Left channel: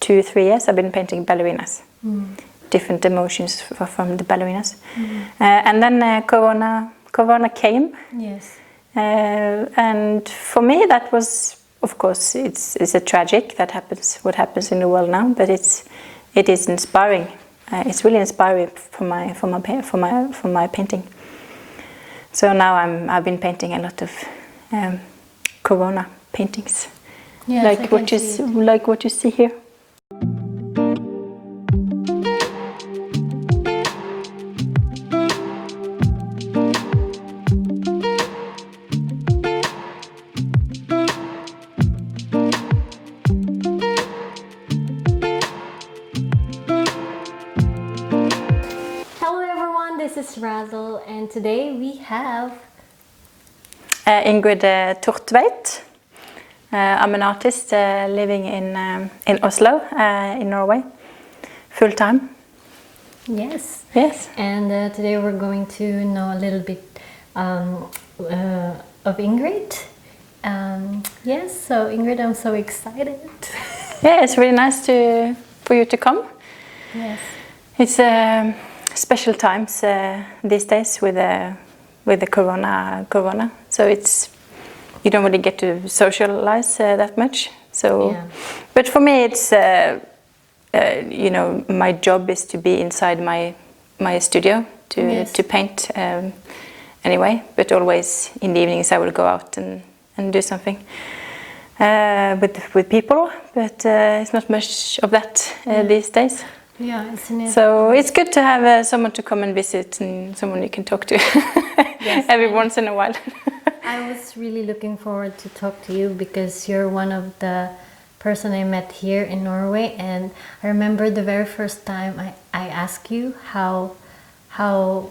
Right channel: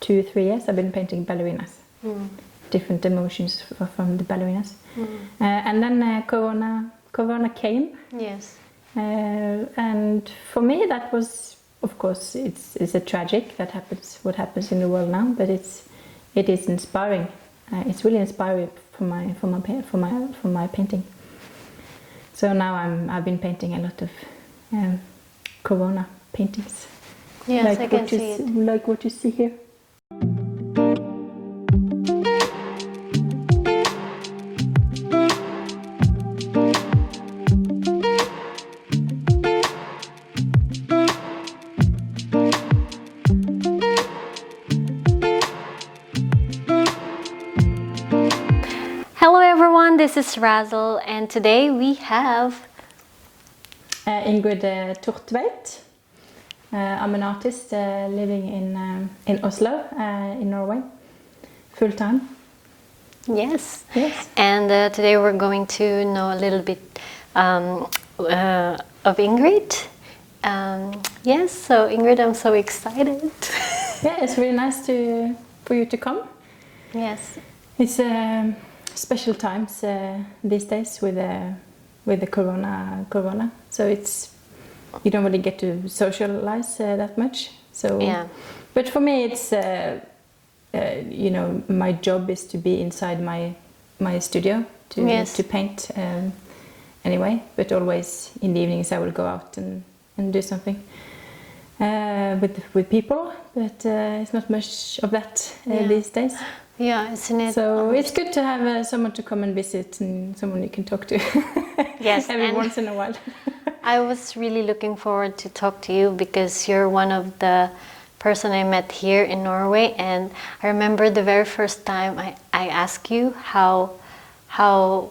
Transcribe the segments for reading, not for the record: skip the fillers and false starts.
2-3 years I've been painting ballerinas. Different emotions from the ballerinas. And then Corona came. Yes. And for me that was, of course, it's a tragic that happens, what happens in the world now, but it is inspiring. It's really inspiring for my painting. So now I've been painting a lot of Corona paintings, Yes, like what you see here. This is Razzle, and today we have Ingrid Thortveit. I'm an artist living in Oslo, in Norway, full time. Yes. Yes. And today we're going to know a little bit of Ingrid. Yes. So Ingrid, I'm so excited. Yeah, it's really nice for you to come. Yes. It's special times these days with the corona, so you don't really get to socialize that much. So, yeah. But for me, it's my job is to be inside my studio to paint anyway. But always in the evenings I will go out and do something with people. But it's not much of that these days. Yeah, isn't it? So it's good to have someone to come and visit and someone you can talk to every once in a while. I was really looking forward to talk to you because you're one of the person I met here in Norway, and I remember the very first time I asked you how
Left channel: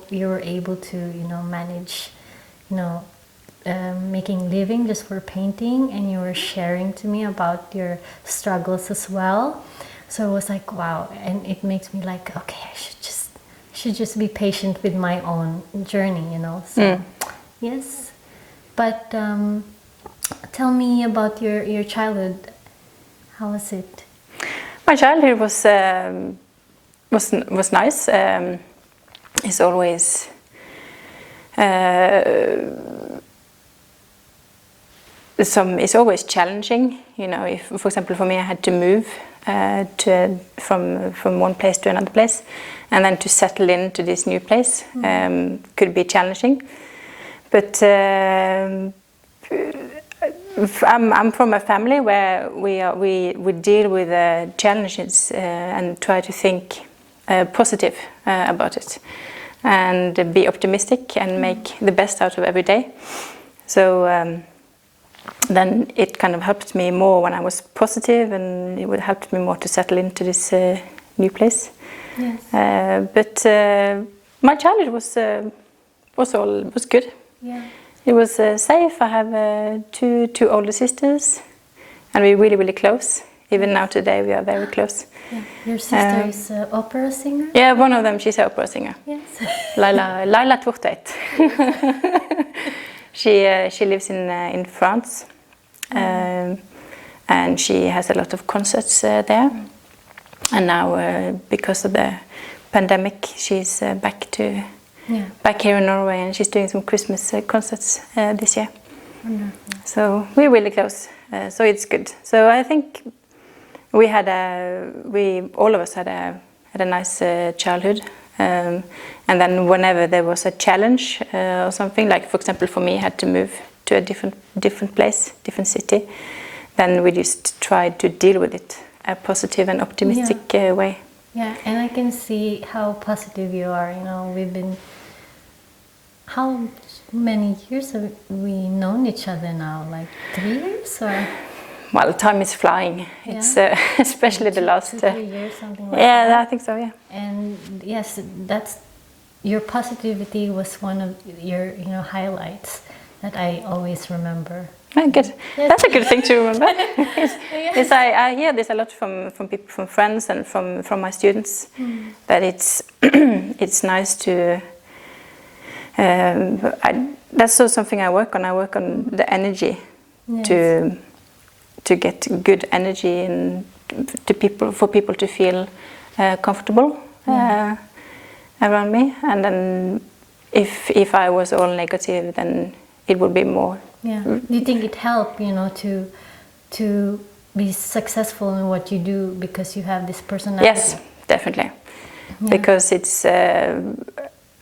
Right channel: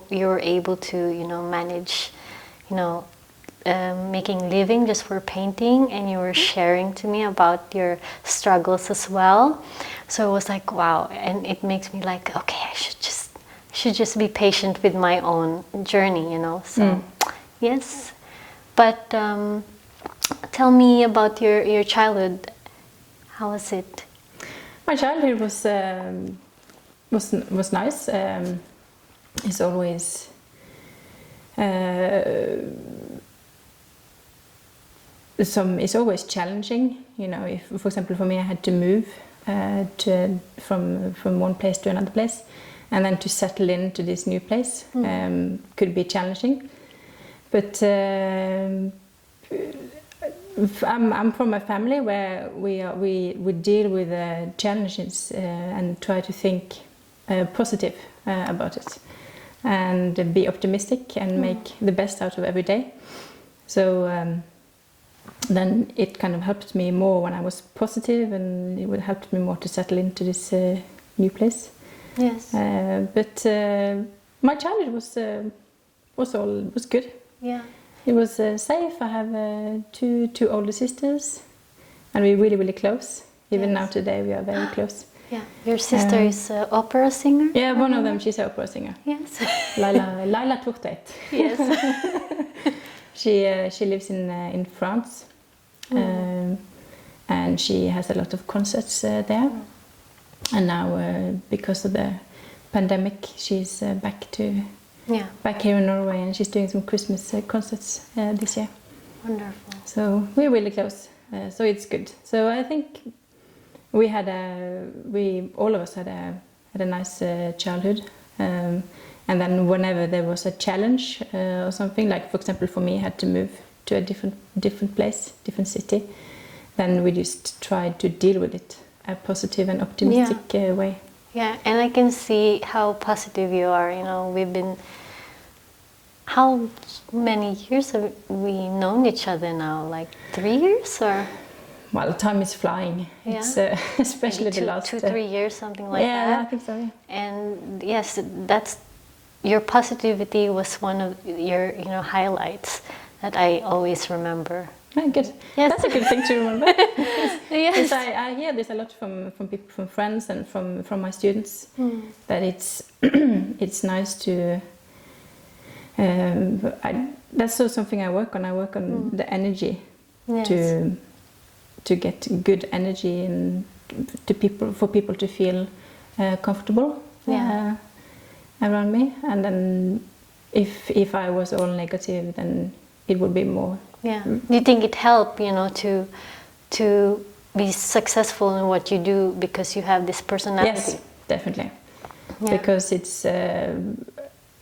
you were able to manage making living just for painting, and you were sharing to me about your struggles as well. So it was like, wow, and it makes me like, okay, I should just be patient with my own journey, So yes, but tell me about your childhood. How was it? My childhood was nice. It's always it's always challenging. If, for example, for me, I had to move from one place to another place, and then to settle into this new place could be challenging. But I'm from a family where we deal with challenges and try to think positive about it, and be optimistic and make the best out of every day. So. Then it kind of helped me more when I was positive, and it would help me more to settle into this new place. Yes. But my childhood was good. Yeah. It was safe. I have two older sisters, and we're really, really close. Even now today, we are very close. Yeah. Your sister is an opera singer? Yeah, one of them, she's an opera singer. Yes. Laila Thortveit. Yes. She lives in France, and she has a lot of concerts there. And now, because of the pandemic, she's back here in Norway, and she's doing some Christmas concerts this year. Wonderful. So we're really close. So it's good. So I think all of us had a nice childhood. And then whenever there was a challenge or something, like for example for me, I had to move to a different place, different city, then we just tried to deal with it a positive and optimistic way. Yeah, and I can see how positive you are. We've been, how many years have we known each other now? Like 3 years or? Well, time is flying. Yeah. It's especially the last 2-3 years, something like that. Yeah, I think so. Yeah. And yes, your positivity was one of your highlights that I always remember. Oh, good. Yes. That's a good thing to remember. Yes. I hear this a lot from people, from friends, and from my students. That it's nice to. That's also something I work on. I work on the energy to get good energy and to people, for people to feel comfortable around me. And then if I was all negative, then it would be more. Yeah. Do you think it helped, to be successful in what you do because you have this personality? Yes, definitely. Yeah. Because it's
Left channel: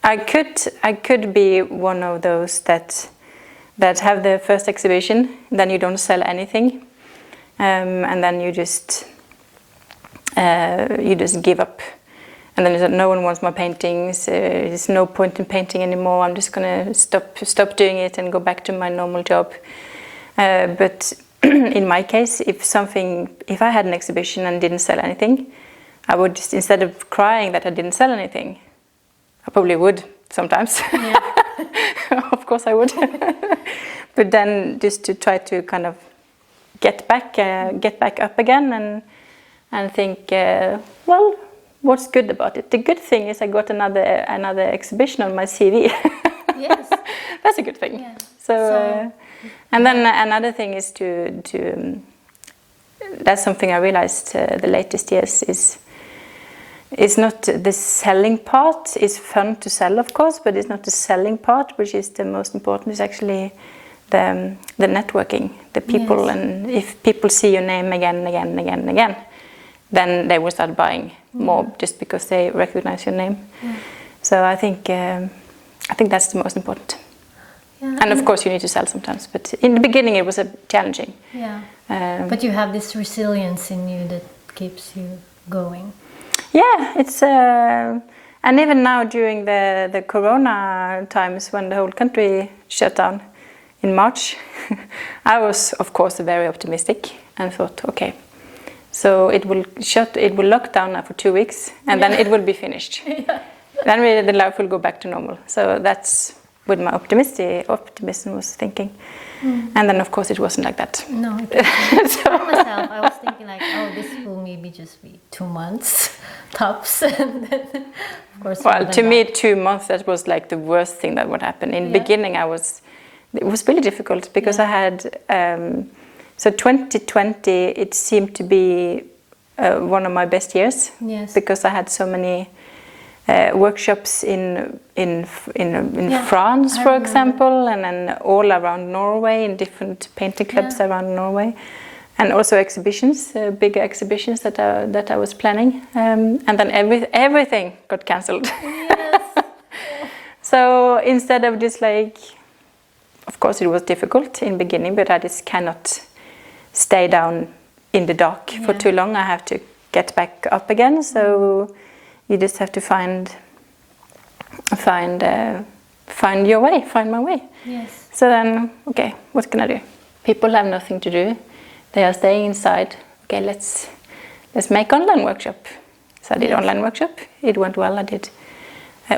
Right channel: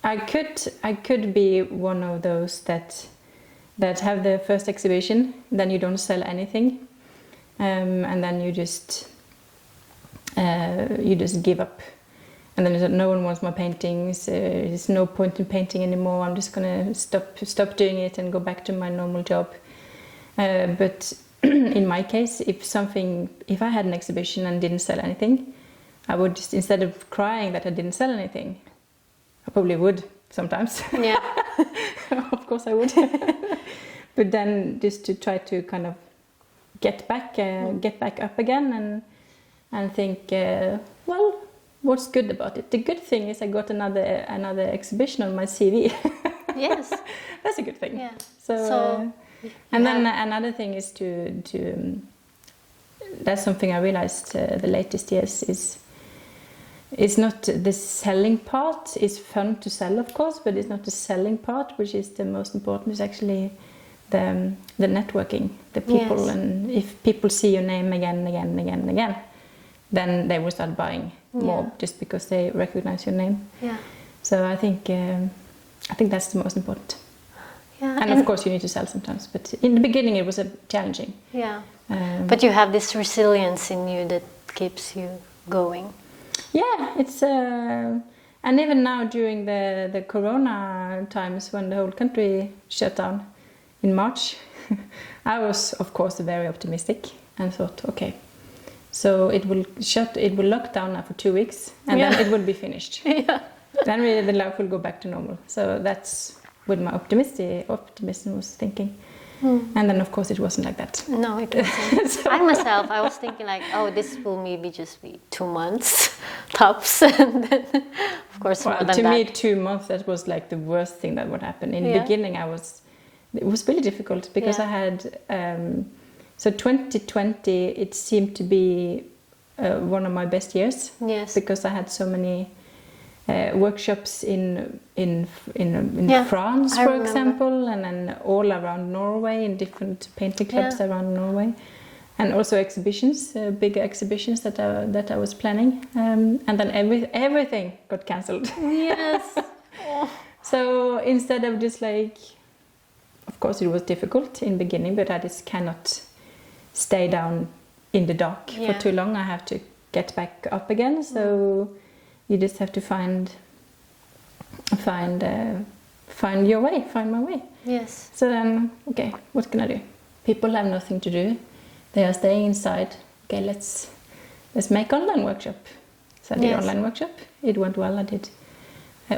I could be one of those that have the first exhibition, then you don't sell anything, and then you just give up, and then no one wants my paintings. There's no point in painting anymore. I'm just gonna stop doing it and go back to my normal job. But in my case, if I had an exhibition and didn't sell anything, I would just, instead of crying that I didn't sell anything, I probably would sometimes. Yeah. Of course I would. But then just to try to kind of get back up again and think, well, what's good about it? The good thing is I got another exhibition on my CV. Yes. That's a good thing. Yeah. So and then another thing is to that's something I realized the latest years is not the selling part. It's fun to sell, of course, but it's not the selling part which is the most important. It's actually the networking, the people. Yes. And if people see your name again, then they will start buying more just because they recognize your name. Yeah. So I think that's the most important. Yeah, and of course you need to sell sometimes, but in the beginning it was challenging. Yeah. But you have this resilience in you that keeps you going. Yeah, it's and even now during the Corona times when the whole country shut down in March, I was of course very optimistic and thought, okay, so it will lock down now for 2 weeks and then it will be finished. Yeah. Then the life will go back to normal. So that's with my optimism was thinking. And then of course it wasn't like that. No, it wasn't. I myself, I was thinking like, oh, this will maybe just be 2 months tops. And then, of course, well, to me 2 months, that was like the worst thing that would happen. In the beginning it was really difficult because I had so 2020 it seemed to be one of my best years. Yes. Because I had so many workshops in France, for example, and then all around Norway in different painting clubs around Norway, and also exhibitions, bigger exhibitions that I was planning, and then everything got cancelled. Yes. So instead of just like, of course it was difficult in the beginning, but I just cannot stay down in the dark for too long. I have to get back up again. So you just have to find your way, find my way. Yes. So then, okay, what can I do? People have nothing to do. They are staying inside. Okay, let's make online workshop. So I did online workshop. It went well. I did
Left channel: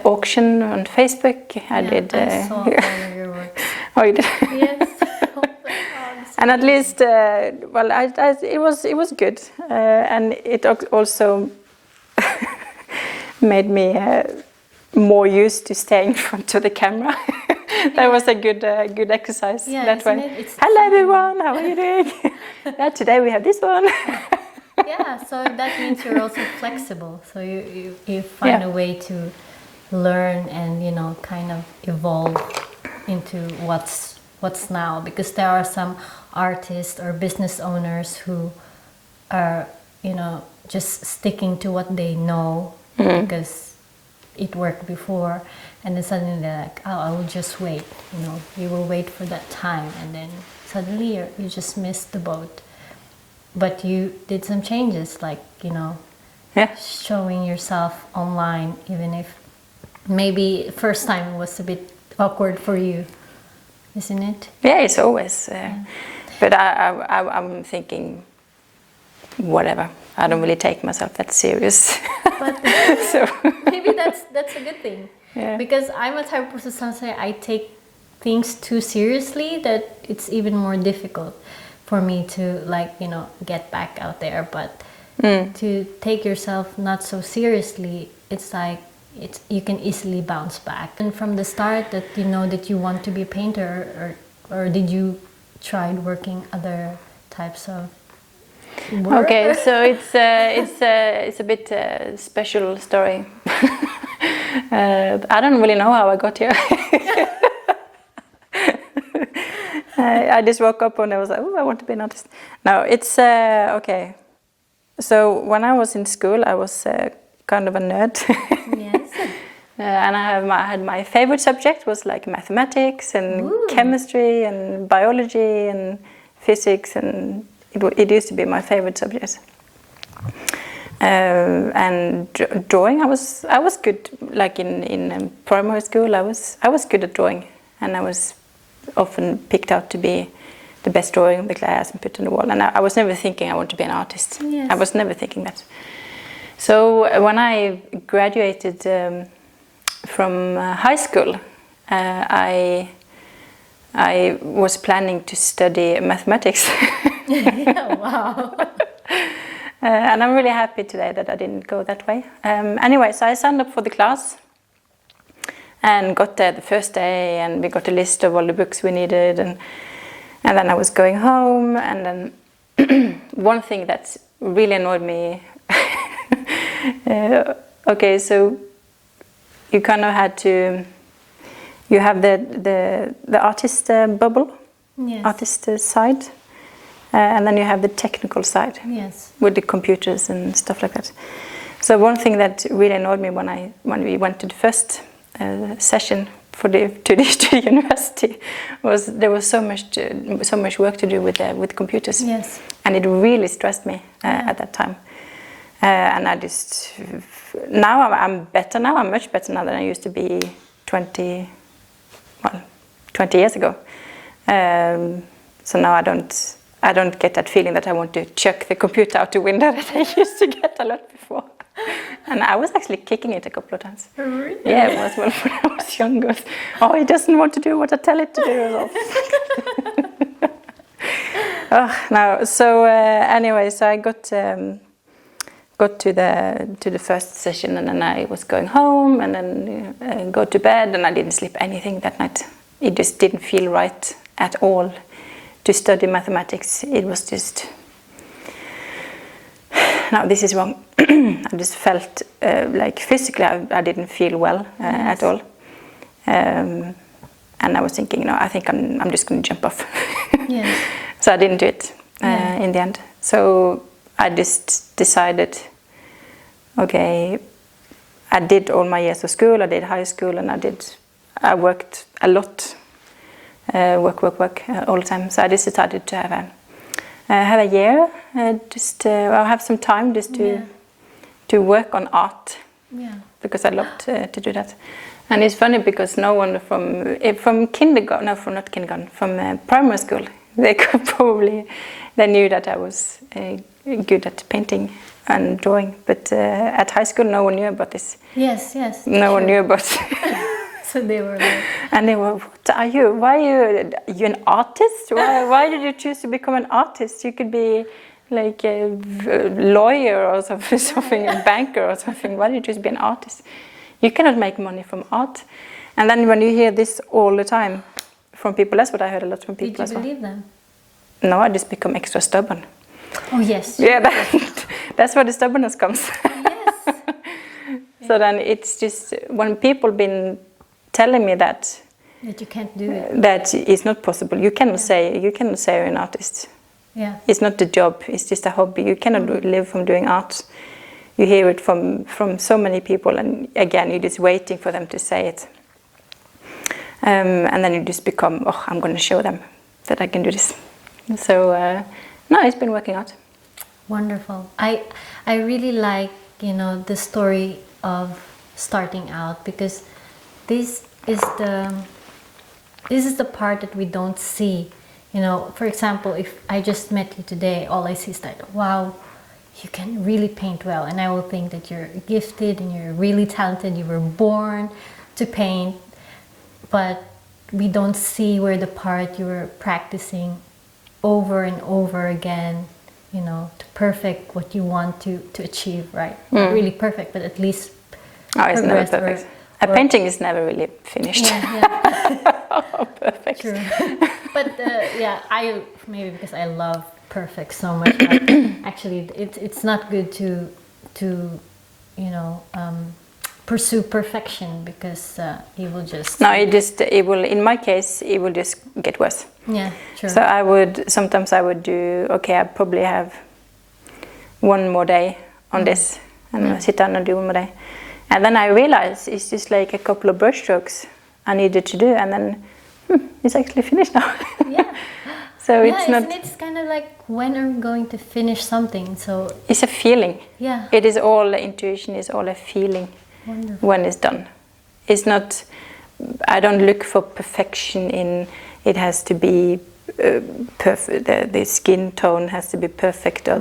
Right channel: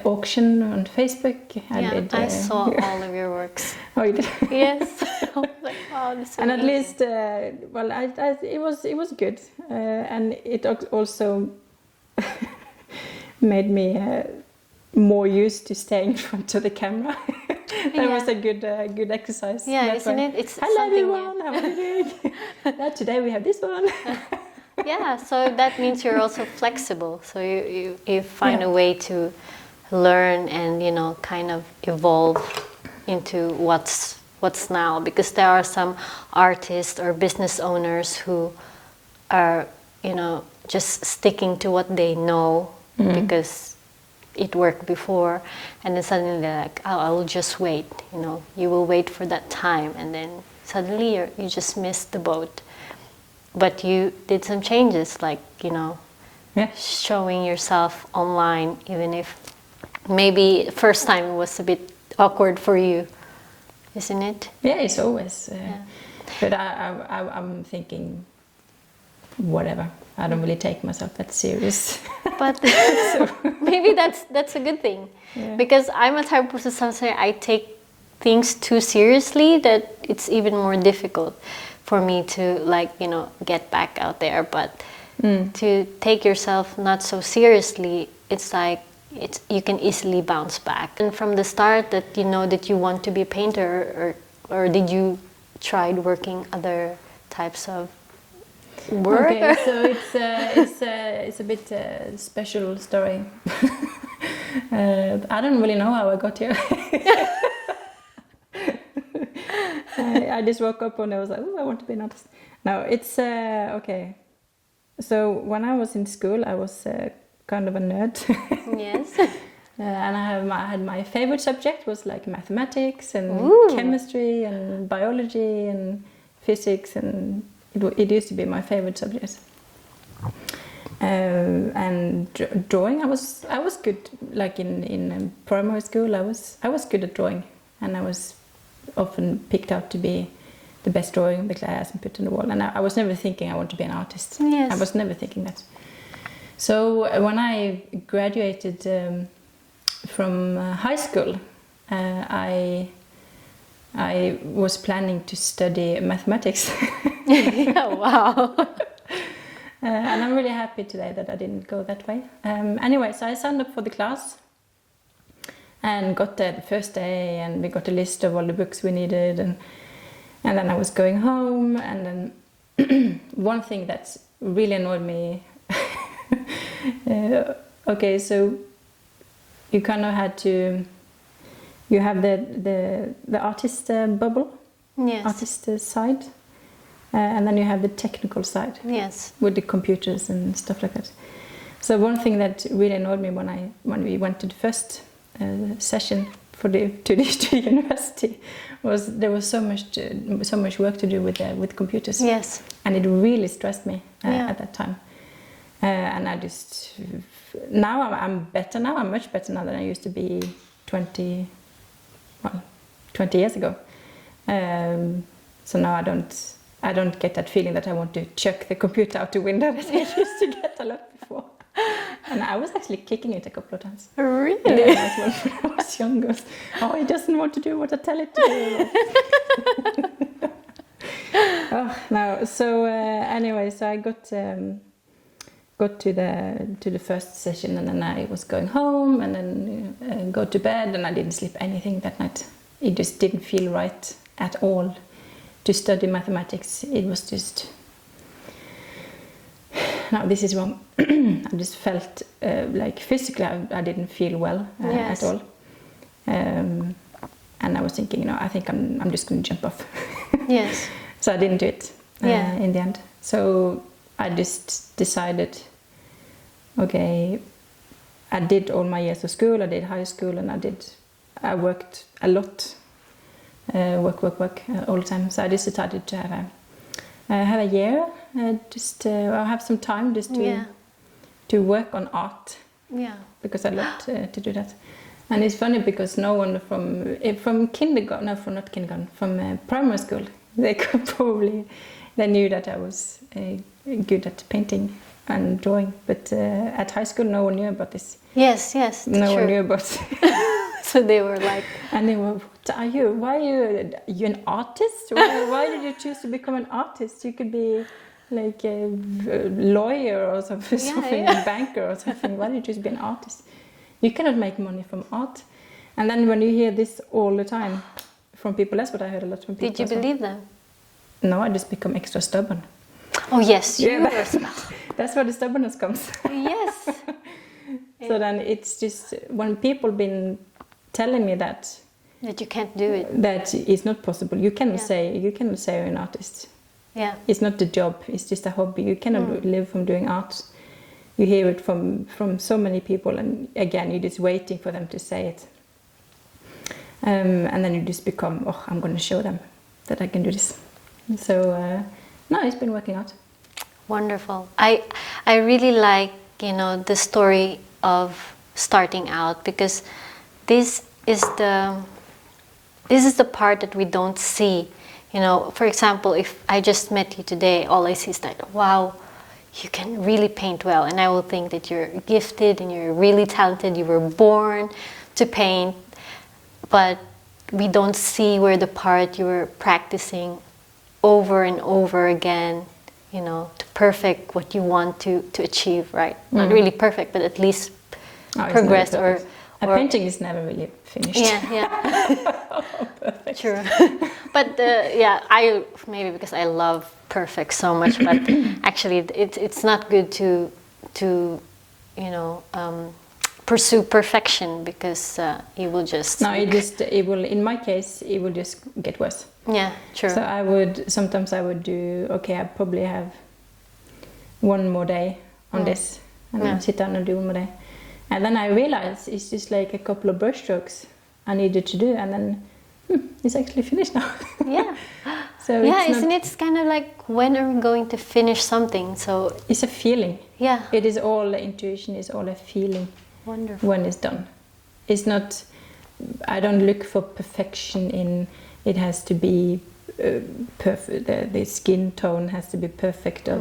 auction on Facebook. I saw all of your works. Oh, you did? Yes. And at least, it was good, and it also made me more used to staying in front of the camera. That was a good exercise. Yeah, that way. Hello everyone, how are you doing? Today we have this one. Yeah, so that means you're also flexible. So you find a way to learn and kind of evolve into what's now, because there are some artists or business owners who are just sticking to what they know because it worked before, and then suddenly they're like, oh, I will just wait. You will wait for that time, and then suddenly you just missed the boat. But you did some changes, like showing yourself online, even if maybe first time was a bit awkward for you, isn't it? Yeah, it's always. But I'm thinking, whatever. I don't really take myself that serious. But so maybe that's a good thing. Yeah. Because I'm a type of person, sometimes I take things too seriously that it's even more difficult for me to get back out there. But to take yourself not so seriously, it's like you can easily bounce back. And from the start that that you want to be a painter, or did you tried working other types of Okay, so it's a bit special story. I don't really know how I got here. I just woke up and I was like, oh, I want to be an artist. No, it's okay. So when I was in school, I was kind of a nerd. Yes. And I had my favorite subject was like mathematics and Ooh. chemistry and biology and physics, and it used to be my favorite subject. And drawing, I was good. Like in primary school, I was good at drawing, and I was often picked out to be the best drawing of the class and put on the wall. And I was never thinking I want to be an artist. Yes. I was never thinking that. So when I graduated from high school, I was planning to study mathematics. Yeah, wow. And I'm really happy today that I didn't go that way. Anyway, so I signed up for the class and got there the first day, and we got a list of all the books we needed, and then I was going home, and then one thing that really annoyed me, okay, so you kind of had to, you have the artist bubble, Yes. artist side, and then you have the technical side. Yes. With the computers and stuff like that. So one thing that really annoyed me when we went to the first session to the university was there was so much work to do with computers. Yes. And it really stressed me at that time. And I just now I'm better now. I'm much better now than I used to be 20 years ago. So now I don't get that feeling that I want to chuck the computer out the window that I used to get a lot before. And I was actually kicking it a couple of times. Really? Yeah, it was when I was younger. Oh, he doesn't want to do what I tell it to do. No. So anyway, so I got to the first session, and then I was going home, and then go to bed, and I didn't sleep anything that night. It just didn't feel right at all to study mathematics. It was just, no, this is wrong. I just felt like physically I didn't feel well Yes. at all. And I was thinking, I think I'm just going to jump off. Yes. So I didn't do it Yeah. in the end. So I just decided, okay, I did all my years of school, I did high school, and I worked a lot. Work all the time. So I just decided to have a year, I'll have some time just to work on art. Yeah. Because I loved to do that. And it's funny because no one from kindergarten, no, from not kindergarten, from primary school, they knew that I was good at painting and drawing. But at high school, no one knew about this. Yes, yes. No one knew about. So they were like, And they were, what are you? Why are you an artist? Why did you choose to become an artist? You could be like a lawyer or something, a banker or something. Why did you choose to be an artist? You cannot make money from art. And then when you hear this all the time from people, that's what I heard a lot from people. did you believe them? No, I just become extra stubborn. Oh, yes. Yeah, that's where the stubbornness comes. Yes. So then it's just when people been telling me that you can't do it. that it's not possible. You cannot say you're an artist. Yeah. It's not the job. It's just a hobby. You cannot live from doing art. You hear it from so many people, and again, you're just waiting for them to say it. And then you just become, I'm going to show them that I can do this. So no, it's been working out. Wonderful. I really like, the story of starting out, because this is the part that we don't see. For example, if I just met you today, all I see is that, wow, you can really paint well, and I will think that you're gifted and you're really talented, you were born to paint, but we don't see where the part you were practicing over and over again, to perfect what you want to achieve, right? Not really perfect, but at least progress. A painting is never really finished. Yeah. Perfect. True. But maybe because I love perfect so much, but actually it's not good to you know, pursue perfection, because you will just... No, it will, in my case, it will just get worse. Yeah, true. So sometimes I would do, okay, I probably have one more day on this, and I'll sit down and do one more day. And then I realize it's just like a couple of brush strokes I needed to do, and then it's actually finished now. Yeah. So yeah, it's not... it's kind of like, when are we going to finish something? So it's a feeling. Yeah. It is all, intuition is all a feeling. Wonderful. When it's done. It's not, I don't look for perfection in, it has to be perfect, the skin tone has to be perfect, or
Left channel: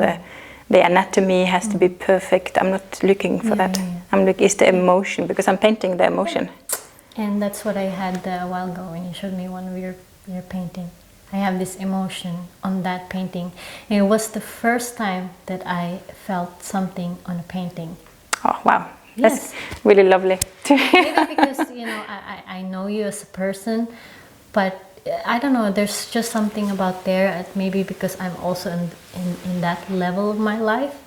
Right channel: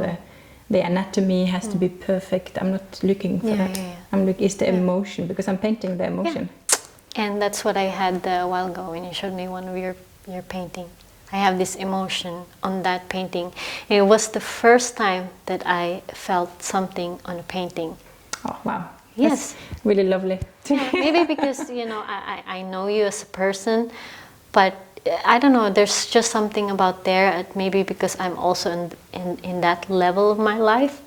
the anatomy has to be perfect. I'm not looking for that. Yeah. It's the emotion, because I'm painting the emotion. Yeah. And that's what I had a while ago when you showed me one of your painting. I have this emotion on that painting. And it was the first time that I felt something on a painting. Oh, wow. Yes. That's really lovely. Maybe because, you know, I know you as a person, but I don't know, there's just something about there, maybe because I'm also in that level of my life,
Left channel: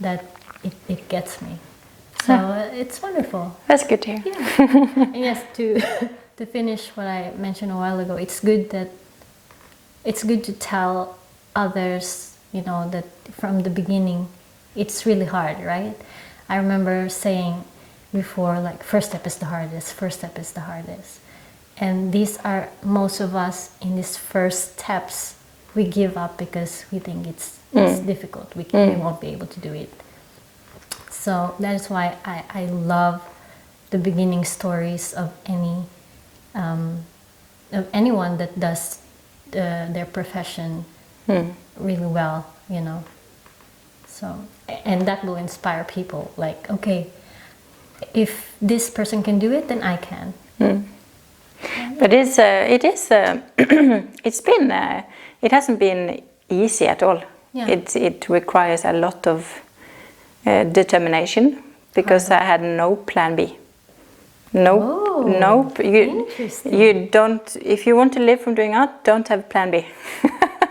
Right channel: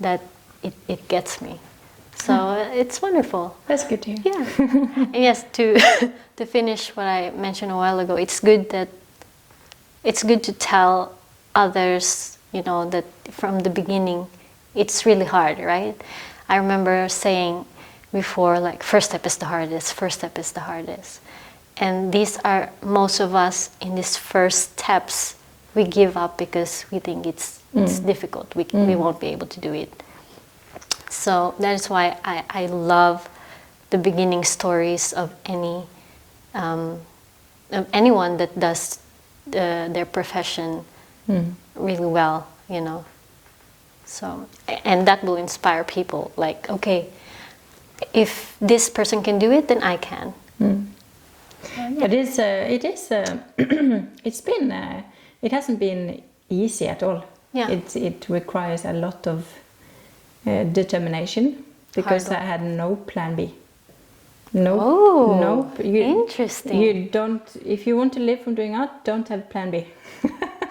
that it gets me. So it's wonderful. That's good to hear. Yeah. And yes, to finish what I mentioned a while ago, it's good to tell others, you know, that from the beginning it's really hard, right? I remember saying before, like, first step is the hardest, first step is the hardest. And these are, most of us in these first steps, we give up because we think it's difficult, we won't be able to do it. So that is why I love the beginning stories of anyone that does their profession really well, you know. So, and that will inspire people, like, okay, if this person can do it, then I can. But it hasn't been easy at all. Yeah. It requires a lot of determination, because I had no plan B. Nope. Interesting. You don't. If you want to live from doing art, don't have plan B.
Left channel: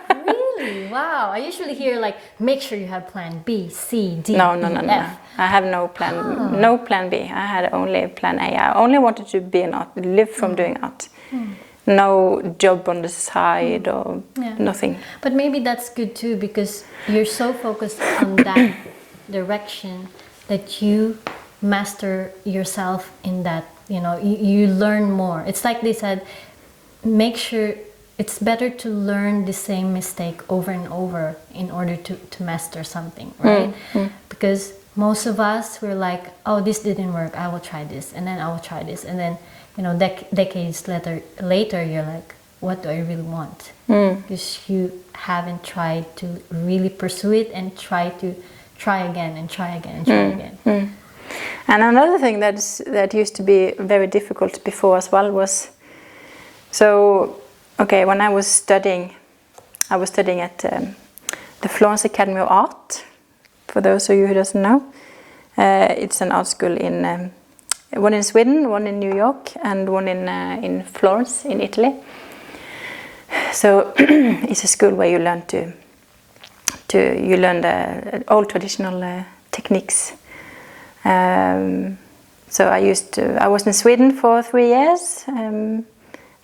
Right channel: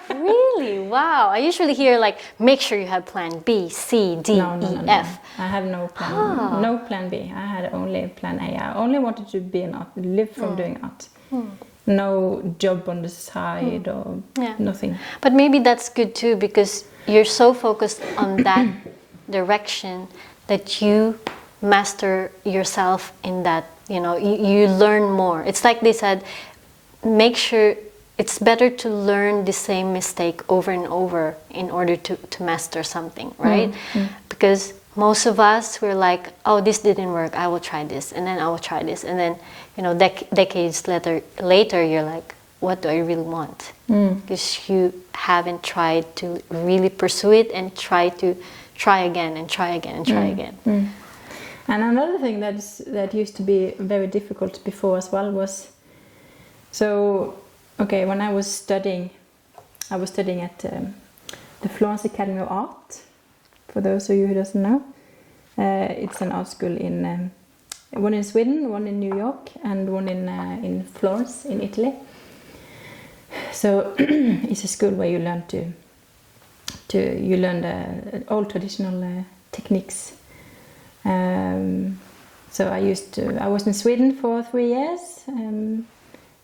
Really? Wow. I usually hear, like, make sure you have plan B, C, D, No. F. I have no plan. No plan B. I had only plan A. I only wanted to be an art, live from doing art. No job on the side or nothing. But maybe that's good too, because you're so focused on that direction that you master yourself in that, you know, you learn more. It's like they said, make sure, it's better to learn the same mistake over and over in order to master something, right? Because most of us, we're like, oh, this didn't work, I will try this, and then I will try this, and then, you know, decades later, you're like, what do I really want? Because you haven't tried to really pursue it and try again and try again and try again. And another thing that used to be very difficult before as well was, so, okay, when I was studying at the Florence Academy of Art. For those of you who doesn't know, it's an art school in one in Sweden, one in New York, and one in Florence in Italy. So it's a school where you learn the old traditional techniques. So I was in Sweden for 3 years, and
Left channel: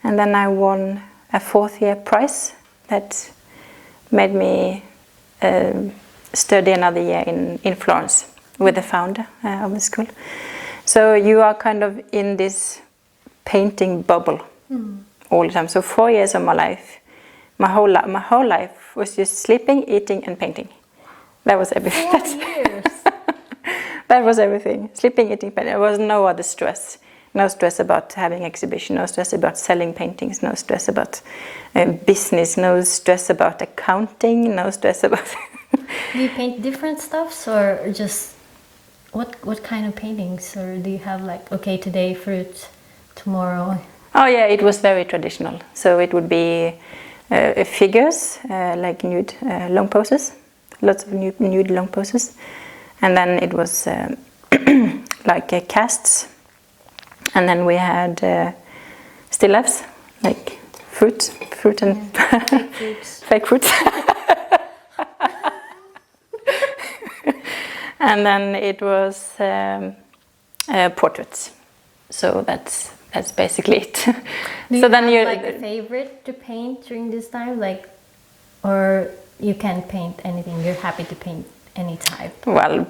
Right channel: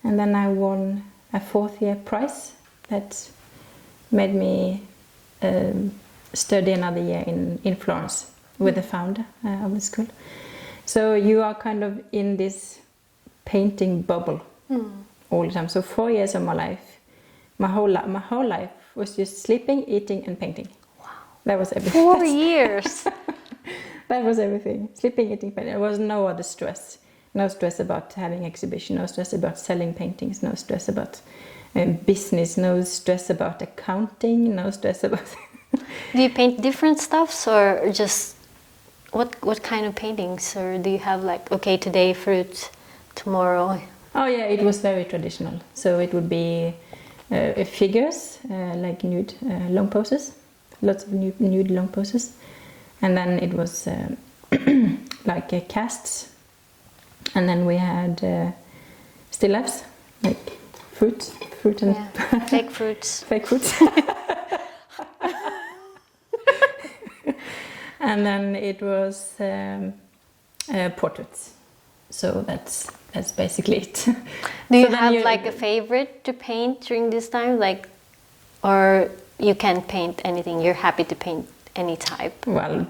then I won a 4th year prize that made me study another year in Florence with the founder of the school. So you are kind of in this painting bubble all the time. So 4 years of my life, my whole life was just sleeping, eating, and painting. That was everything. 4 years. That was everything. Sleeping, eating, painting. There was no other stress. No stress about having exhibition. No stress about selling paintings. No stress about business. No stress about accounting. No stress about. Do you paint different stuffs, or just what kind of paintings? Or do you have, like, okay, today fruit, tomorrow? Oh yeah, it was very traditional. So it would be figures, like nude long poses, lots of nude long poses, and then it was like casts, and then we had still lifes, like fruit and fake fruits. Fake fruits. And then it was portraits. So that's basically it. Do so you then have you like a favorite to paint during this time, like, or you can paint anything? You're happy to paint any type? Well,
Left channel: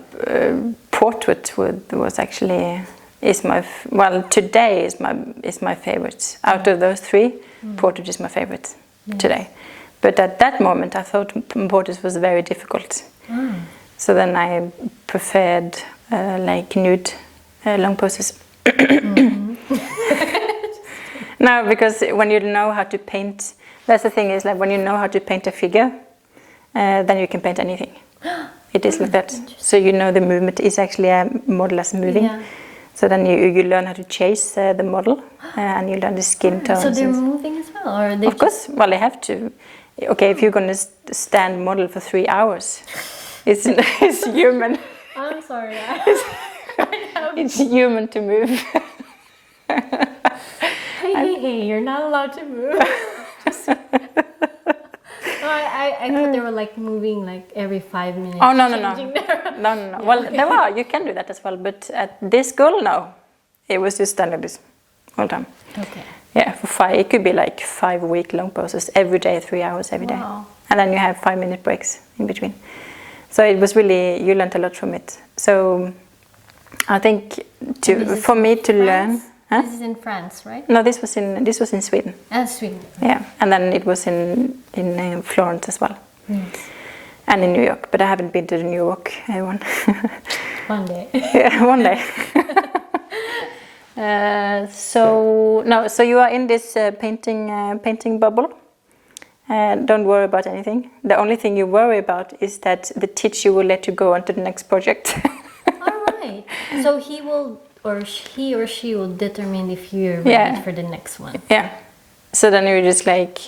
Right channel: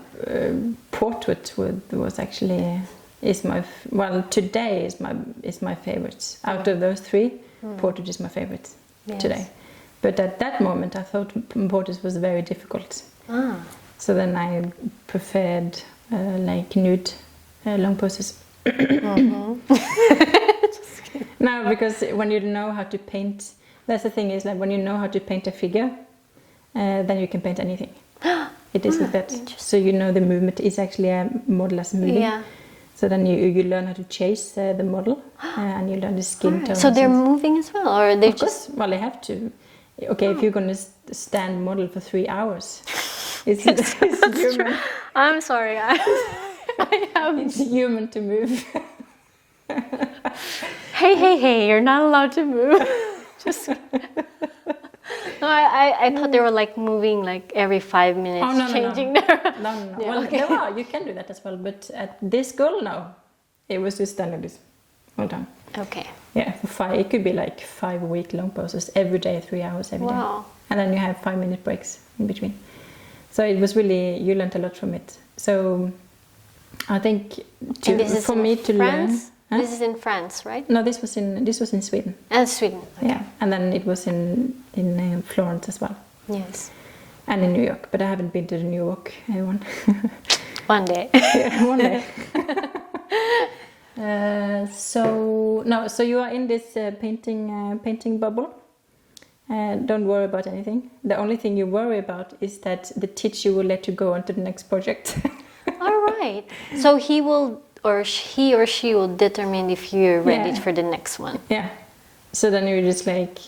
portrait was actually today is my favorite. Out of those three, portrait is my favorite today. But at that moment, I thought portrait was very difficult. So then I preferred like nude long poses. No, because when you know how to paint, that's the thing, is like when you know how to paint a figure, then you can paint anything. It is like that. So you know the movement is actually a model as moving. Yeah. So then you learn how to chase the model, and you learn the skin tones. So they're moving as well, or they of course, well, they have to. Okay, if you're going to stand model for 3 hours, it's human. I'm sorry, It's human to move. Hey, you're not allowed to move. No, I thought they were like moving like every 5 minutes. Oh, no. changing No. Yeah, Well, okay. you can do that as well, but at this school, no. It was just standing this all the time. Okay. Yeah, it could be like 5-week long poses every day, 3 hours every day. Wow. And then you have 5-minute breaks in between. So it was really, you learned a lot from it. So I think for me to learn. Huh? This is in France, right? No, this was in Sweden. Sweden. Yeah, and then it was in Florence as well. Yes. And in New York, but I haven't been to the New York one. One day. Yeah, one day. So you are in this painting bubble. Don't worry about anything. The only thing you worry about is that the teacher will let you go on to the next project. All right. So he or she will determine if you're ready for the next one. Yeah. So then you're just like,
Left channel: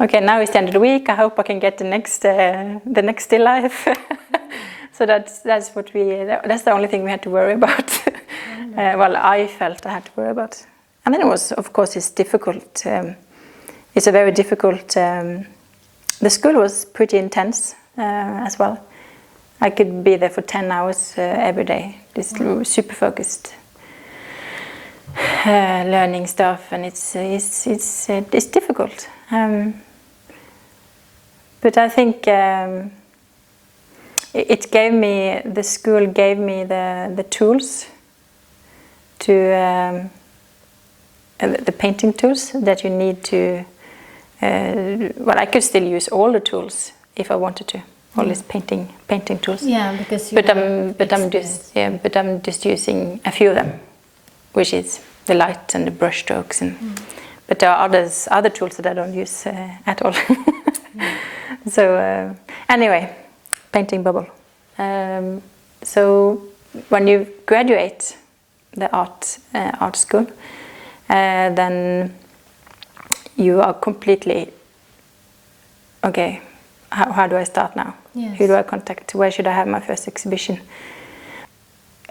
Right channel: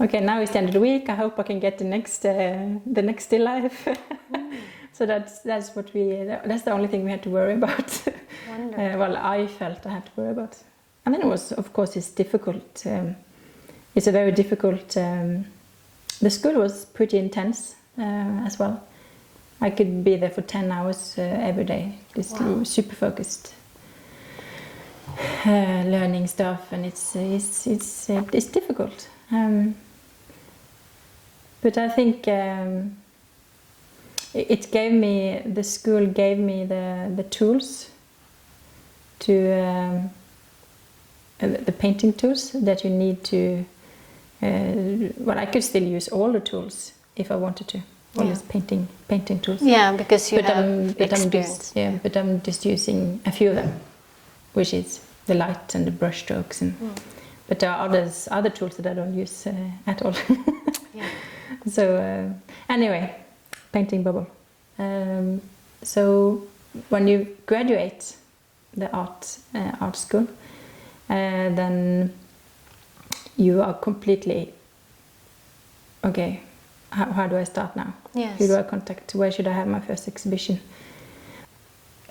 okay, now it's the end of the week. I hope I can get the next still life. So that's the only thing we had to worry about. Well, I felt I had to worry about. And then it was, of course, it's difficult. It's a very difficult. The school was pretty intense as well. I could be there for 10 hours every day. Just super focused. Learning stuff, and it's difficult. But I think the school gave me the tools to the painting tools that you need to. I could still use all the tools if I wanted to. All these painting tools. Yeah, because you have experience. But I'm just using a few of them, which is the light and the brush strokes, but there are other tools that I don't use at all. So anyway, painting bubble. So when you graduate the art school, then you are completely okay. How do I start now? Yes. Who do I contact? Where should I have my first exhibition?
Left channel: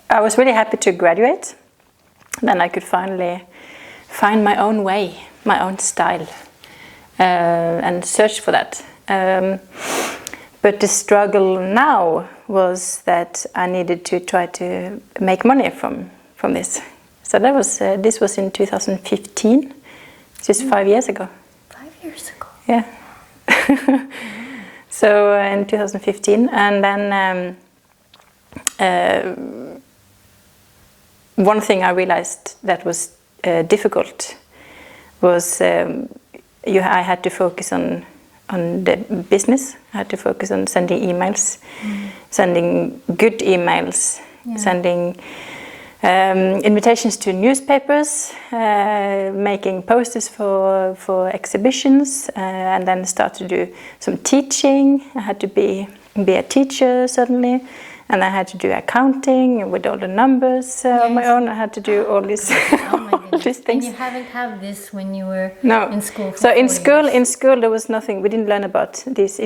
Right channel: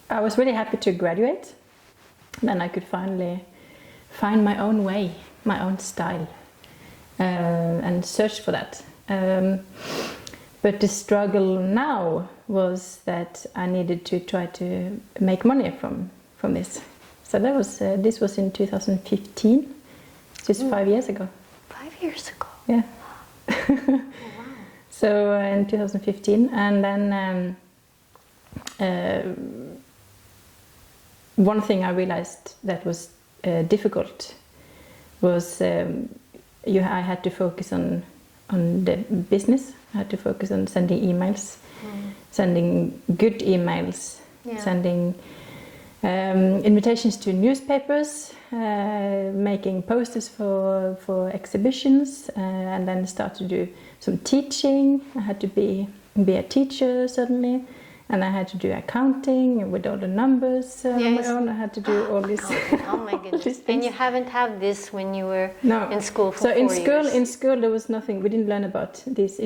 I was really happy to graduate. Then I could finally find my own way, my own style, and search for that. But the struggle now was that I needed to try to make money from this. So that was this was in 2015, just 5 years ago. 5 years ago. Yeah. So in 2015, and then one thing I realized that was difficult was I had to focus on the business. I had to focus on sending emails, sending good emails, sending invitations to newspapers, making posters for exhibitions, and then start to do some teaching. I had to be a teacher suddenly, and I had to do accounting with all the numbers on my own. I had to do all this, all these things. And you haven't had this when you were in school. For so in 4 years. in school there was nothing. We didn't learn about these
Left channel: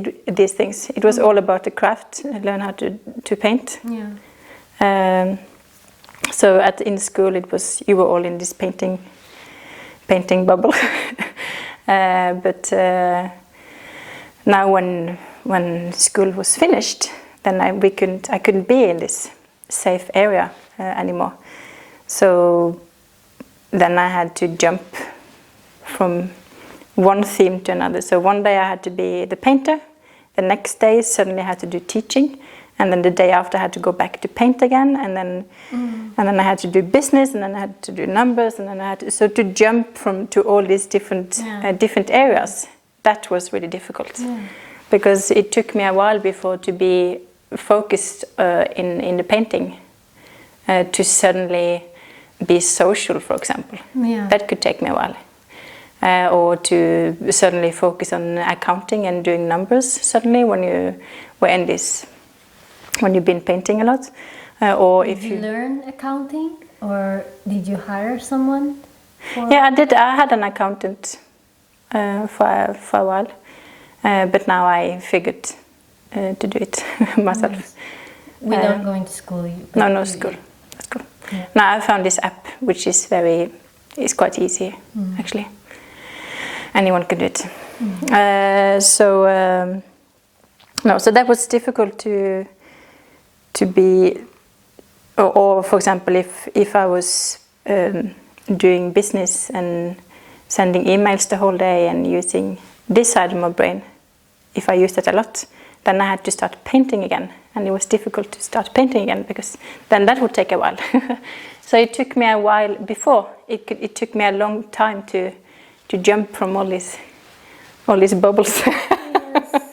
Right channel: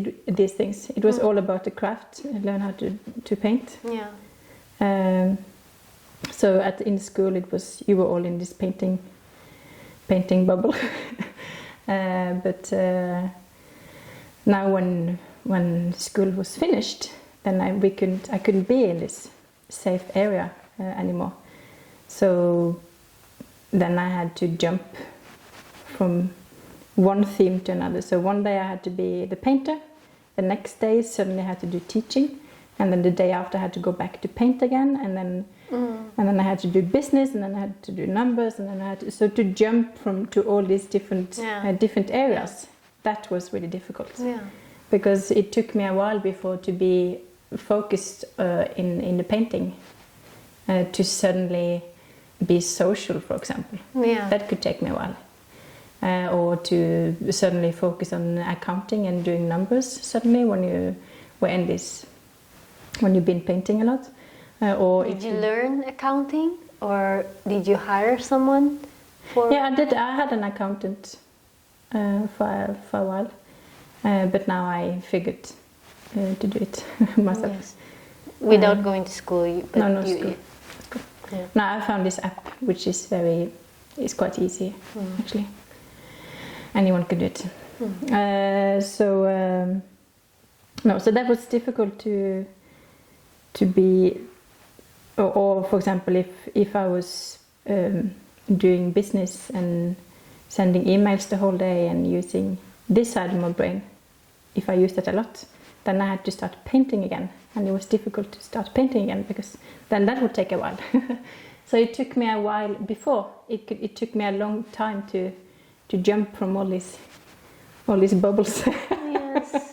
things. It was all about the craft. Learn how to paint. Yeah. So in school you were all in this painting bubble. But now when school was finished, then I couldn't be in this safe area anymore. So then I had to jump from one theme to another. So one day I had to be the painter, the next day suddenly I had to do teaching, and then the day after I had to go back to paint again, and then I had to do business, and then I had to do numbers, and then I had to, so to jump to all these different different areas, that was really difficult, because it took me a while before to be focused in the painting, to suddenly be social, for example. That could take me a while. Or to suddenly focus on accounting and doing numbers suddenly when you were in this, when you've been painting a lot. Or if you learn accounting, or did you hire someone? Yeah, I did. I had an accountant for a while, but now I figured to do it myself. Nice. Without going to school? No school. Yeah. Now I found this app, which is quite easy actually. Anyone can do it. So that was difficult to be, or for example, if I was doing business and sending emails the whole day and using this side of my brain, if I used it a lot, then I had to start painting again, and it was difficult to start painting again because then that would take a while. So it took me a while before. It took me a long time to jump from all these bubbles. Yes.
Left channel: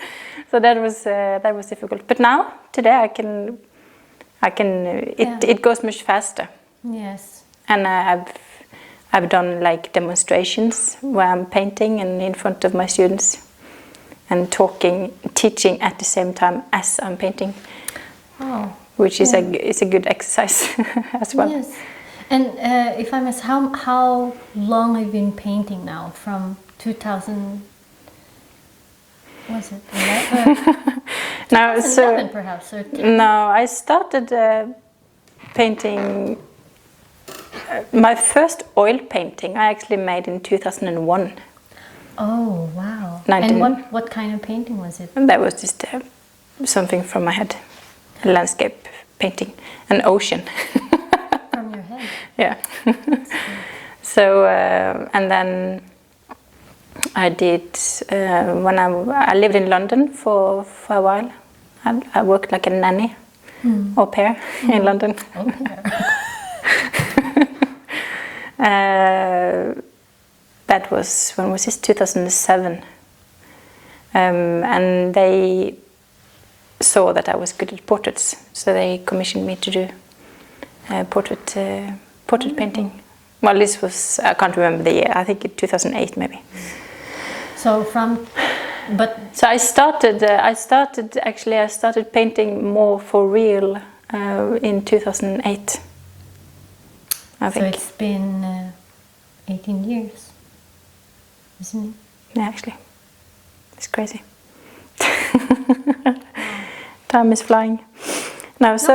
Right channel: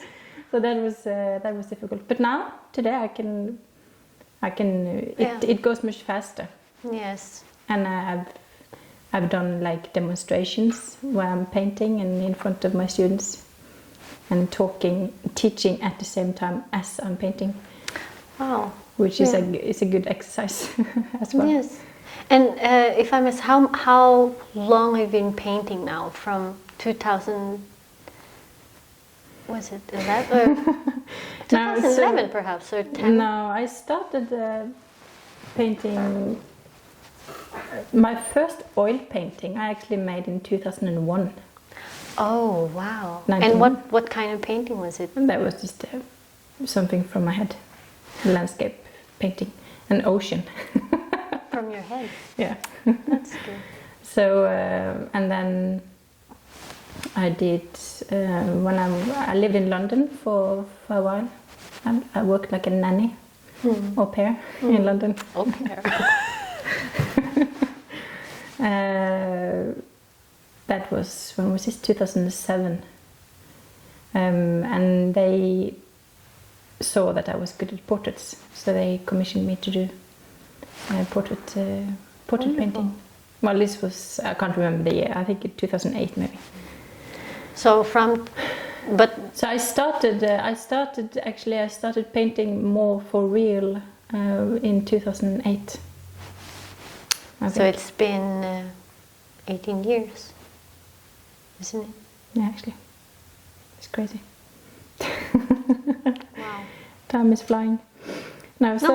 So that was difficult. But now today it goes much faster. Yes. And I've done like demonstrations where I'm painting and in front of my students and teaching at the same time as I'm painting. Wow. Which is a good exercise as well. Yes. And if I miss, how long have you been painting now? From 2000, was it 11? 2011 perhaps, or 10? No, I started painting. My first oil painting I actually made in 2001. Oh wow! And what kind of painting was it? And that was just something from my head, a landscape painting, an ocean. From your head. Yeah. So and then I did when I lived in London for a while. I worked like a nanny, au pair in London. Au pair. That was, when was this? 2007. And they saw that I was good at portraits, so they commissioned me to do portrait painting. Well, this was, I can't remember the year. I think in 2008 maybe. So I started painting more for real in 2008. I think. So it's been 18 years, isn't it? Yeah, actually. It's crazy. Time is flying. No, so...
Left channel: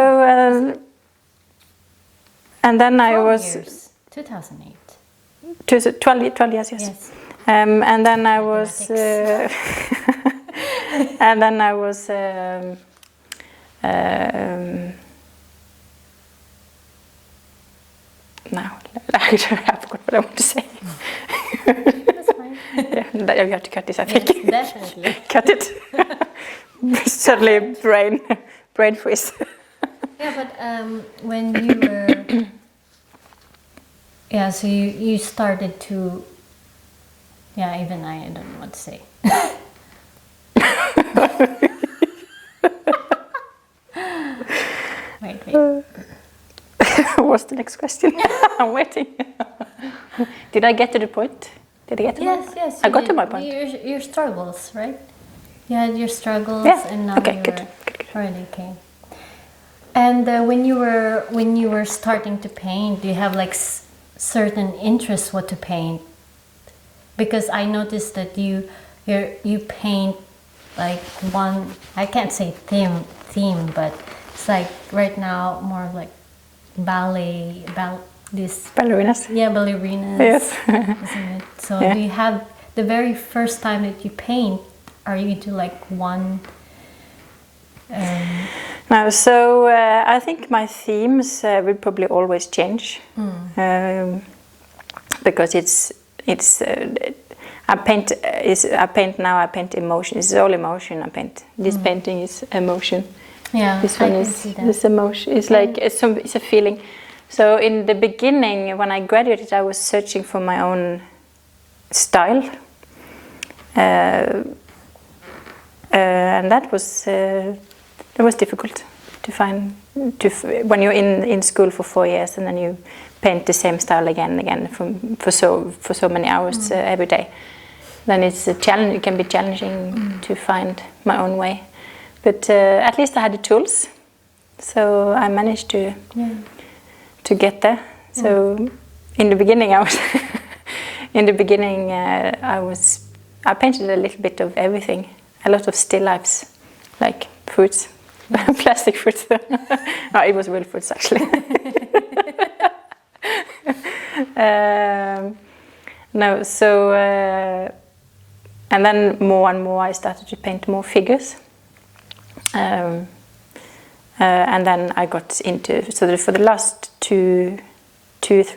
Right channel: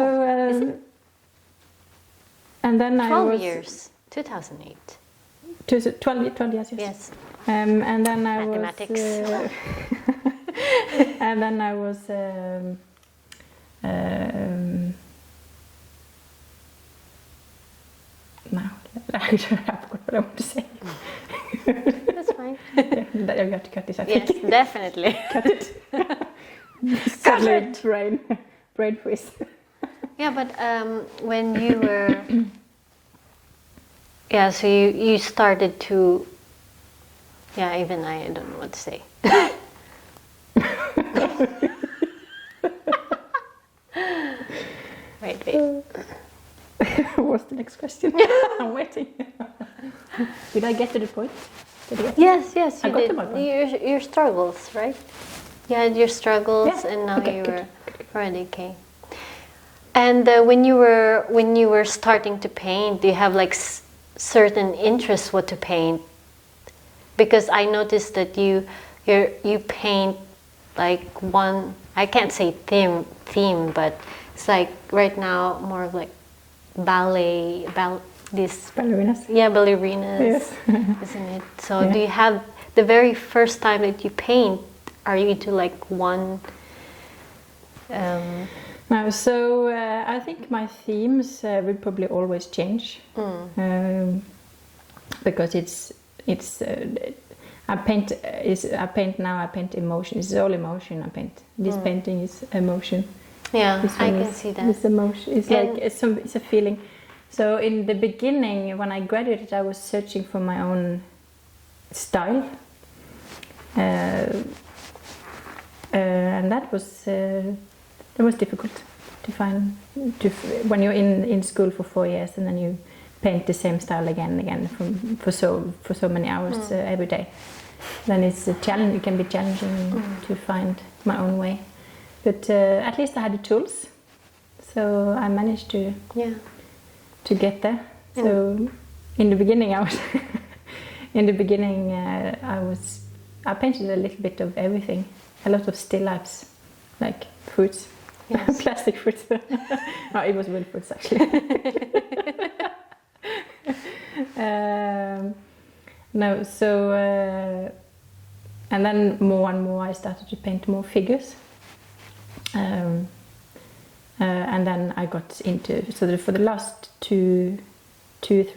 and then 12 years. 2008. 12 years, yes. Yes. And then I was... and then I was... now, I forgot what I want to say. That's fine. Yeah, you have to cut this, I think. Yes, definitely. Cut it. Suddenly brain freeze. Yeah, but when you were... Yeah, so you started to... Yeah, even I don't know what to say. Wait. What's the next question? I'm waiting. Did I get to the point? Yes. I got to my point. Your struggles, right? You had your struggles, and now good. Already okay. And when you were starting to paint, do you have like certain interests what to paint? Because I noticed that you paint like one, I can't say theme, but it's like right now more of like ballet, this ballerinas. Yeah, ballerinas. Yes. Isn't it? So do you have the very first time that you paint? Are you into like one? No, so I think my themes will probably always change, because I paint now. I paint emotion. It's all emotion. I paint. This painting is emotion. Yeah, this one I is can see that. this emotion. It's like it's a feeling. So in the beginning, when I graduated, I was searching for my own style, and that was difficult to find. When you're in school for 4 years and then you paint the same style again and again for so many hours every day, then it's a challenge. It can be challenging to find my own way. But at least I had the tools, so I managed to get there. So in the beginning, I painted a little bit of everything, a lot of still lifes, like fruits, plastic fruits. No, it was real fruits actually. No, so and then more and more I started to paint more figures. And then I got into, so for the last 2-3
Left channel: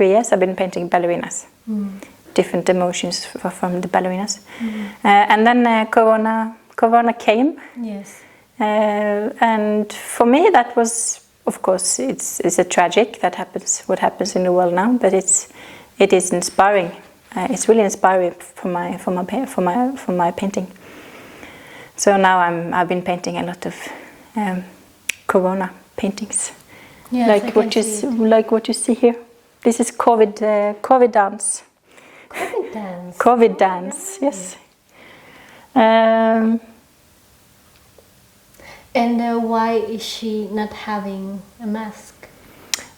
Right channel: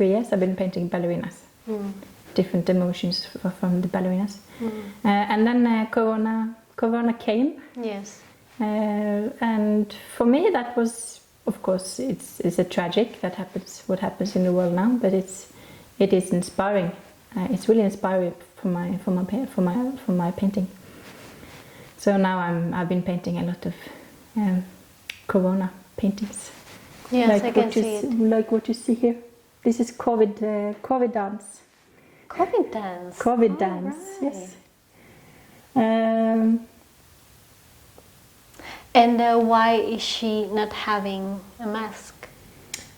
years I've been painting ballerinas, different emotions from the ballerinas. And then Corona came. Yes. And for me that was, of course, it's a tragic what happens in the world now, but it is inspiring. It's really inspiring for my painting. So now I've been painting a lot of Corona paintings, yes, like what you see here. This is COVID dance. COVID dance. COVID dance. Right. Yes. And why is she not having a mask?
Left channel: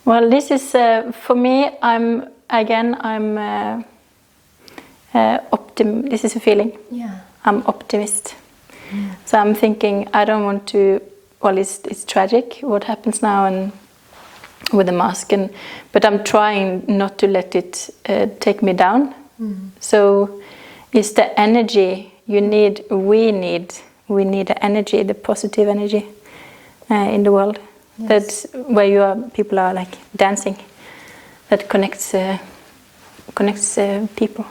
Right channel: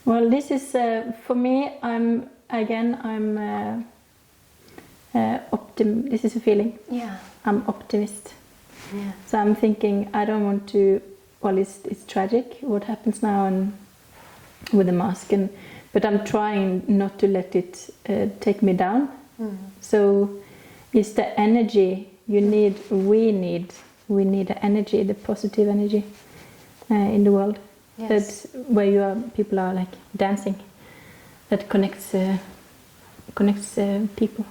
Well, this is for me. This is a feeling. Yeah. I'm optimist. So I'm thinking I don't want to. Well, it's tragic what happens now and with the mask, but I'm trying not to let it take me down. So it's the energy you need. We need the energy, the positive energy in the world. Yes. That's where people are like dancing. That connects people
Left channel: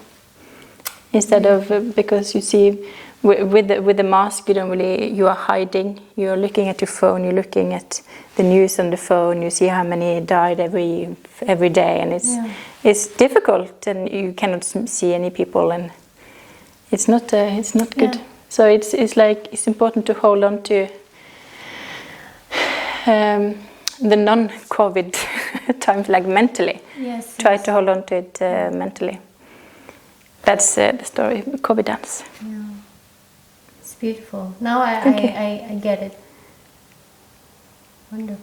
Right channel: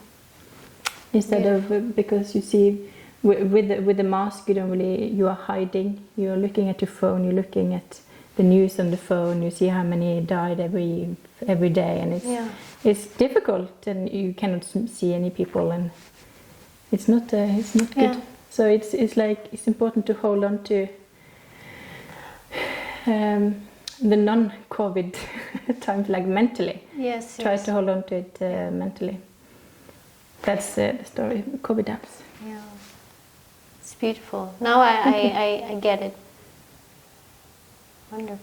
instead of because you see. With the mask, you are hiding. You're looking at your phone. You're looking at the news on the phone. You see how many died every day, and it's difficult, and you cannot see any people, and it's not good. So it's important to hold on to the non-COVID times, like mentally. Yes. Try to hold on to it mentally. That's the story. COVID dance. Yeah. It's beautiful. Now I get it. Wonderful.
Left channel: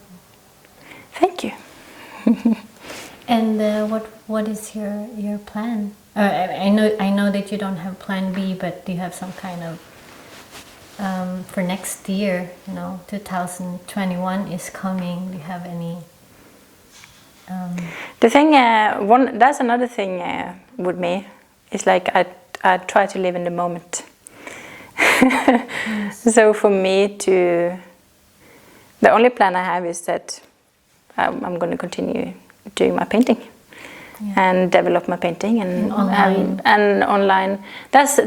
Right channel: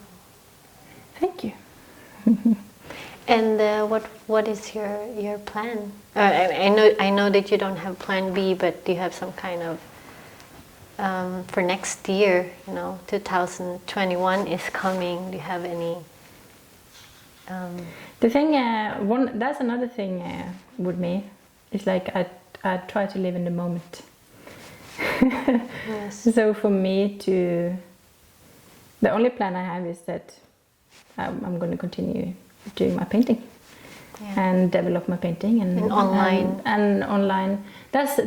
Thank you. And what is your plan? I know that you don't have plan B, but do you have some kind of for next year? 2021 is coming. Do you have any? The thing, that's another thing with me. It's like I try to live in the moment. Yes. So for me the only plan I have is that I'm going to continue doing my painting and develop my painting and online. That's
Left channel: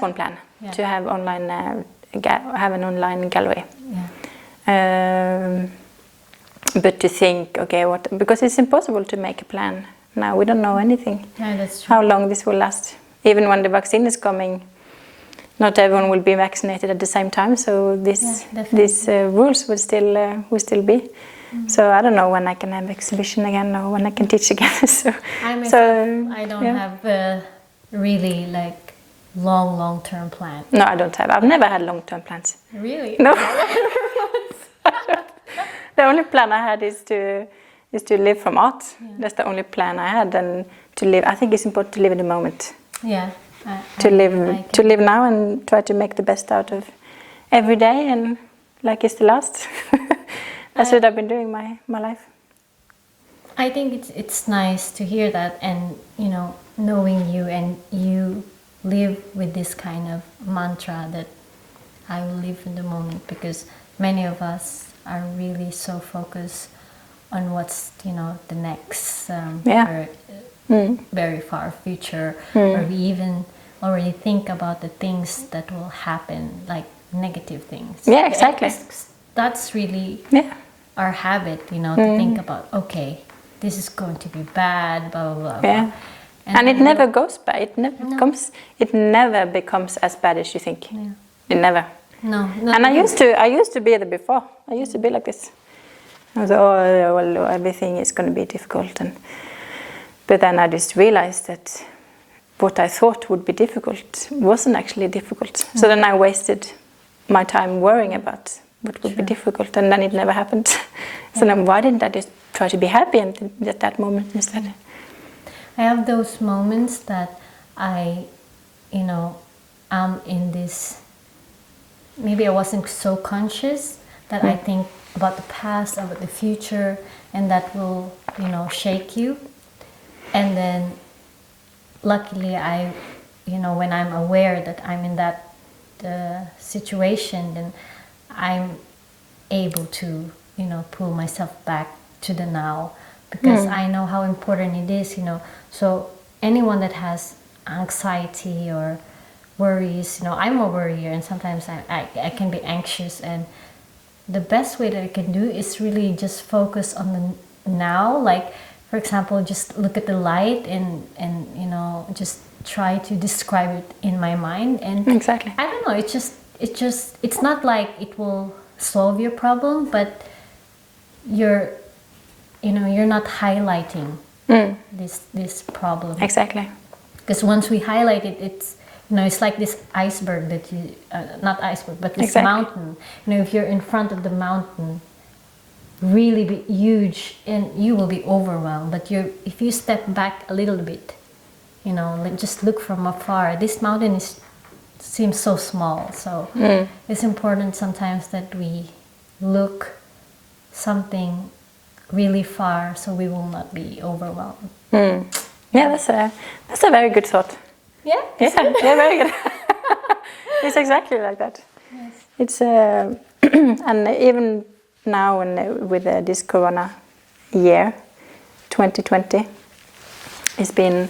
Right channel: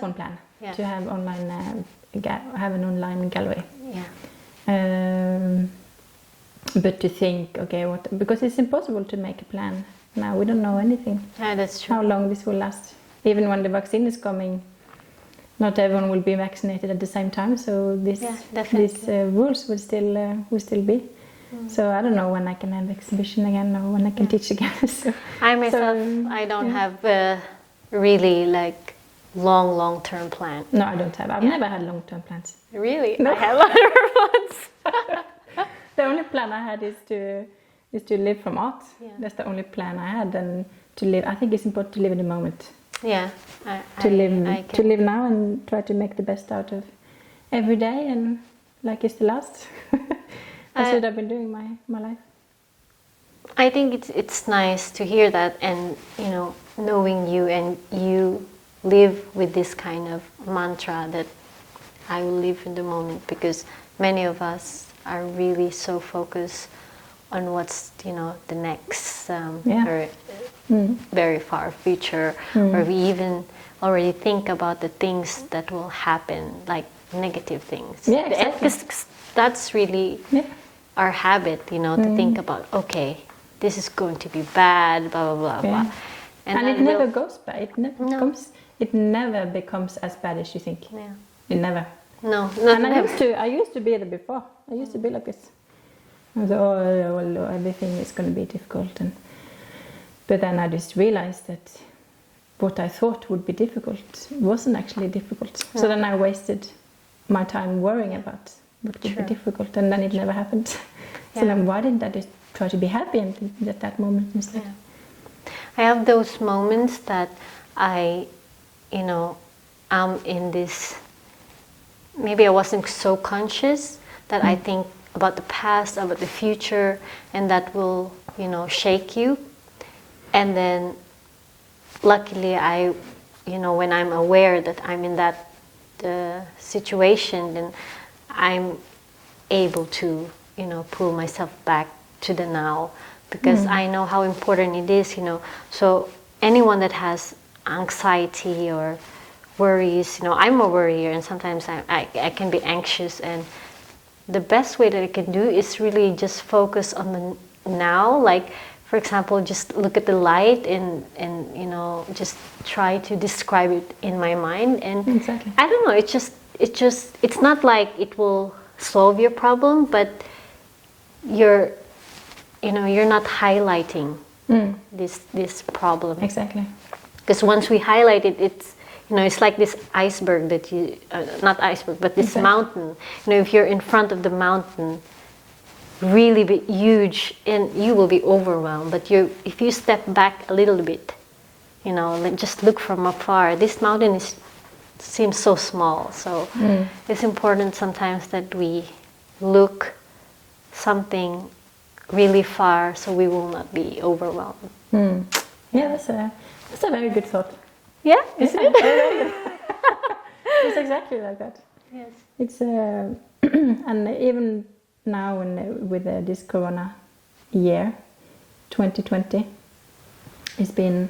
one plan, to have online have an online gallery. But to think, because it's impossible to make a plan now. We don't know anything. Yeah, that's true. How long this will last. Even when the vaccine is coming, not everyone will be vaccinated at the same time. So these rules will still be. So I don't know when I can have exhibition again or when I can teach again. I don't have a really like long-term plan. No, I don't have. I've never had long-term plans. Really? No. The only plan I had is to live from art. Yeah. That's the only plan I had, and to live. I think it's important to live in the moment. Yeah. To live now and try to make the best out of every day, and like it's the last. That's what I've been doing my life. I think it's nice to hear that, and knowing you, and you live with this kind of mantra that I will live in the moment, because many of us are really so focused on what's, you know, the next very far future, or we even already think about the things that will happen, like negative things. Yeah, exactly. That's really our habit, you know, to think about, okay, this is going to be bad, blah, blah, blah. Yeah. Blah. And it never goes bad. It never becomes as bad as you think. Yeah. It never. No. And I used to be there before. I used to be like this. I was, oh, well, everything is going to be difficult. But then I just realized that what I thought would be difficult wasn't actually difficult. So then I wasted my time worrying about what would be difficult, and then it never happened. So then why didn't I just try to be happy at that moment instead? I have those moments that I, you know, I'm in this, maybe I wasn't so conscious that I think about the past, about the future, and that will, you know, shake you. And then luckily I, you know, when I'm aware that I'm in that situation, then I'm able to, you know, pull myself back to the now, because I know how important it is, you know. So anyone that has anxiety or worries, you know, I'm a worrier, and sometimes I can be anxious, and the best way that I can do is really just focus on the now. Like, for example, just look at the light and you know, just try to describe it in my mind. And exactly. I don't know, it's not like it will solve your problem, but you're not highlighting this problem. Exactly. Because once we highlight it, it's, you know, it's like this iceberg that you, not iceberg, but this mountain. You know, if you're in front of the mountain, really be huge, and you will be overwhelmed. But if you step back a little bit, you know, just look from afar, this mountain seems so small. So it's important sometimes that we look something really far, so we will not be overwhelmed. Yeah, that's a very good thought. Yeah, yeah, very good. It's exactly like that. Yes. It's and even now with this Corona year, 2020, it's been.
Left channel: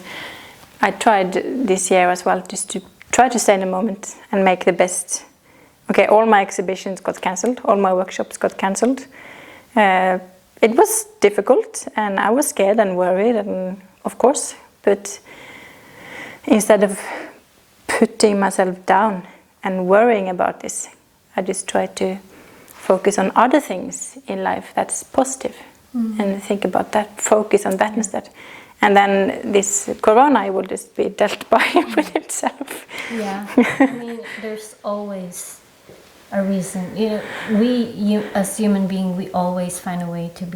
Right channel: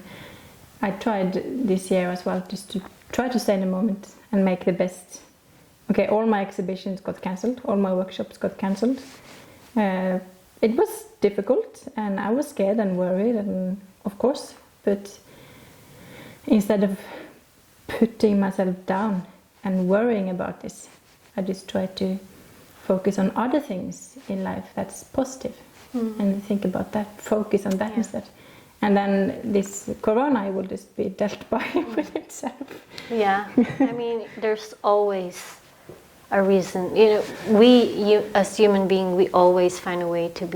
I tried this year as well, just to try to stay in the moment and make the best. Okay, all my exhibitions got cancelled, all my workshops got cancelled. It was difficult, and I was scared and worried, and of course, but instead of putting myself down and worrying about this, I just tried to focus on other things in life that's positive, and think about that, focus on that instead. And then this Corona will just be dealt by with itself. Yeah, I mean, there's always a reason. You know, as human beings, we always find a way to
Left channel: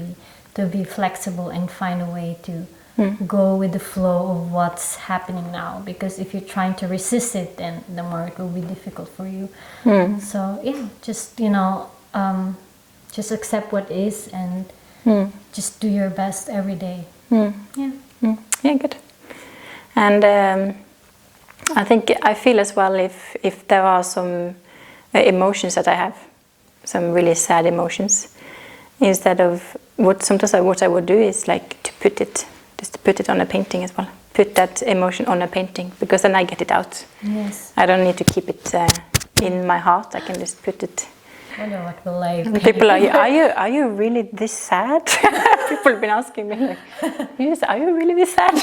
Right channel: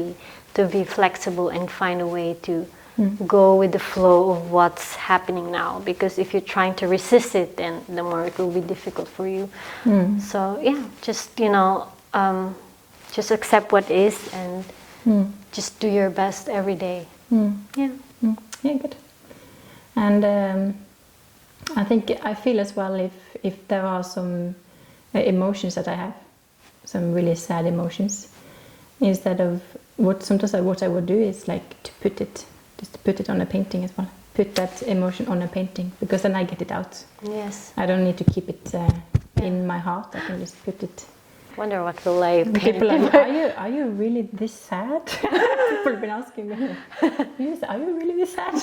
be flexible and find a way to go with the flow of what's happening now. Because if you're trying to resist it, then the more it will be difficult for you. So yeah, just, you know, just accept what is, and just do your best every day. Yeah, good. And I feel as well, if there are some emotions that I have, some really sad emotions, instead of what I would do is like to put it on a painting as well. Put that emotion on a painting, because then I get it out. Yes. I don't need to keep it in my heart. I can just put it. I wonder what will life be. People are you really this sad? People have been asking me, like, are you really this sad?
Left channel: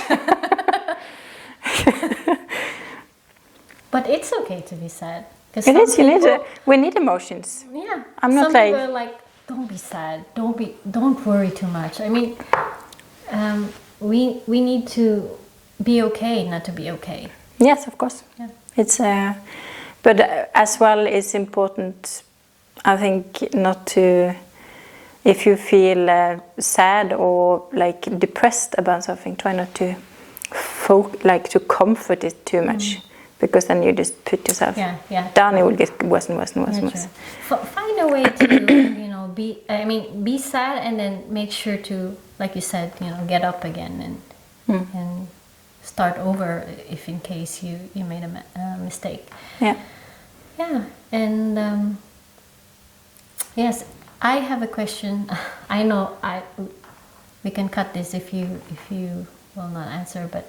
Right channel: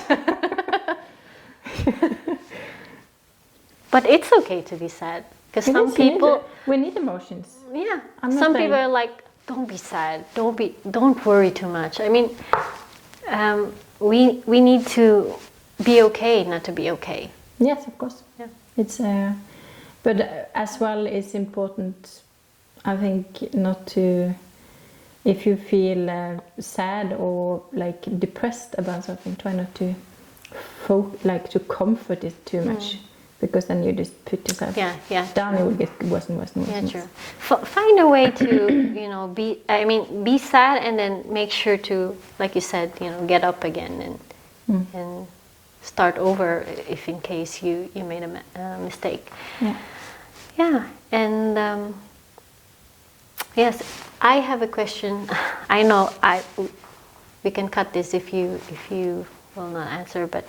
But it's okay to be sad. Because we need emotions. Yeah. I'm not some people are like, don't be sad. Don't worry too much. I mean, we need to be okay, not to be okay. Yes, of course. Yeah. It's but as well, it's important, I think, not to, if you feel sad or like depressed about something, try not to to comfort it too much, because then you just put yourself down. It will get worse and worse and worse and worse. Find a way to be sad, and then make sure to, like you said, get up again and start over if in case you made a mistake. Yeah. And yes, I have a question. I know we can cut this if you will not answer, but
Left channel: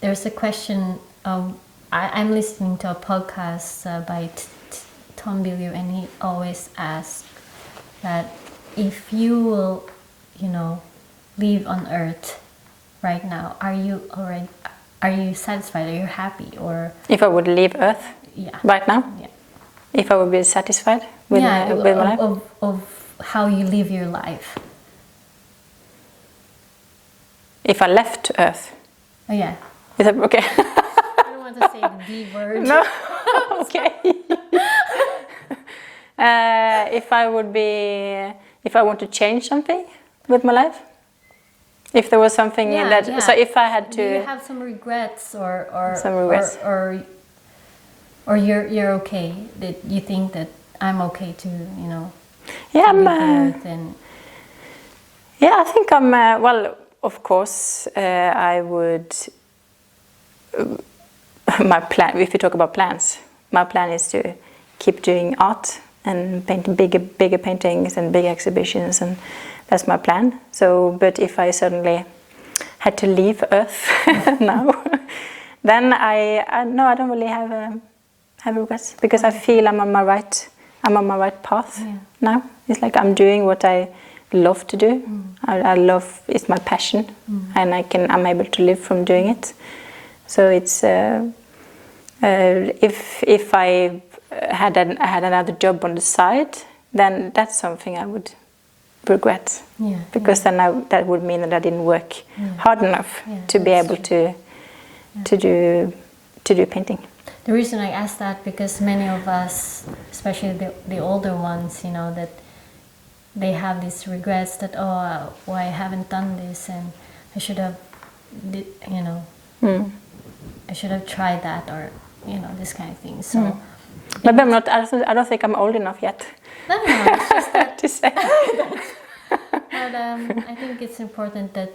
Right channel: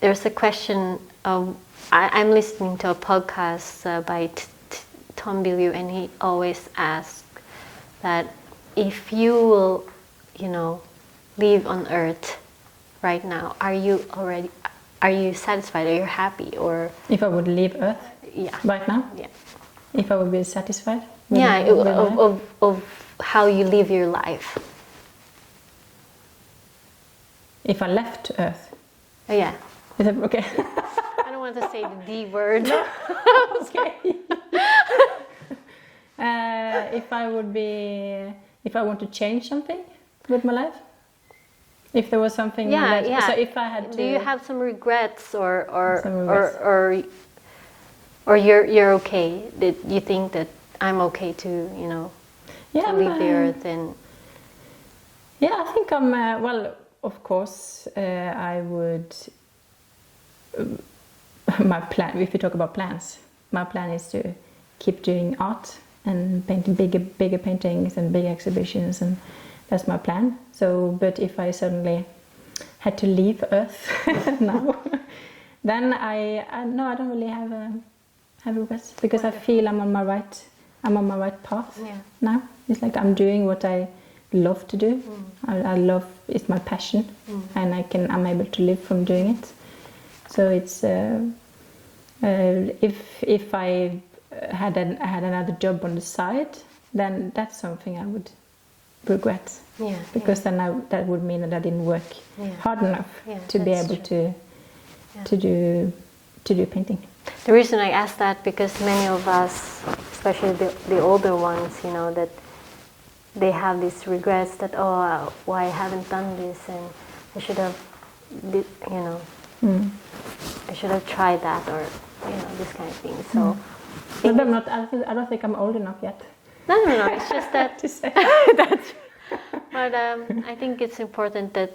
there's a question. I'm listening to a podcast by Tom Billieu, and he always asks that if you will, live on Earth right now, are you satisfied? Are you happy? Or if I would leave Earth right now? Yeah. If I would be satisfied with my life? Of how you live your life. If I left Earth? Oh, yeah. Is that okay? I don't want to say the D word. No? Okay. If I want to change something with my life? If there was something so if I had to... Do you have some regrets or some regrets? Or you're okay, that you think that I'm okay to, to leave the Earth and... Yeah, I think I'm, well, of course, I would... my plan, if you talk about plans, my plan is to keep doing art and painting bigger paintings and big exhibitions, and that's my plan. So, but if I suddenly had to leave Earth now, then I don't really have regrets, because I feel I'm on my right path now. It's like I'm doing what I love to do. I love, it's my passion, and I'm able to live from doing it. So it's if I had another job on the side, then that's something I would regret, because then that would mean that I didn't work hard enough to be able to do painting. The reason I ask that, because many of us, especially the older ones, that they have these regrets that, why I haven't done this, and I should have, I should have tried that, or this kind of thing. So, but I'm not. I don't think I'm old enough yet. No. It's just that to say that. But I think it's important that,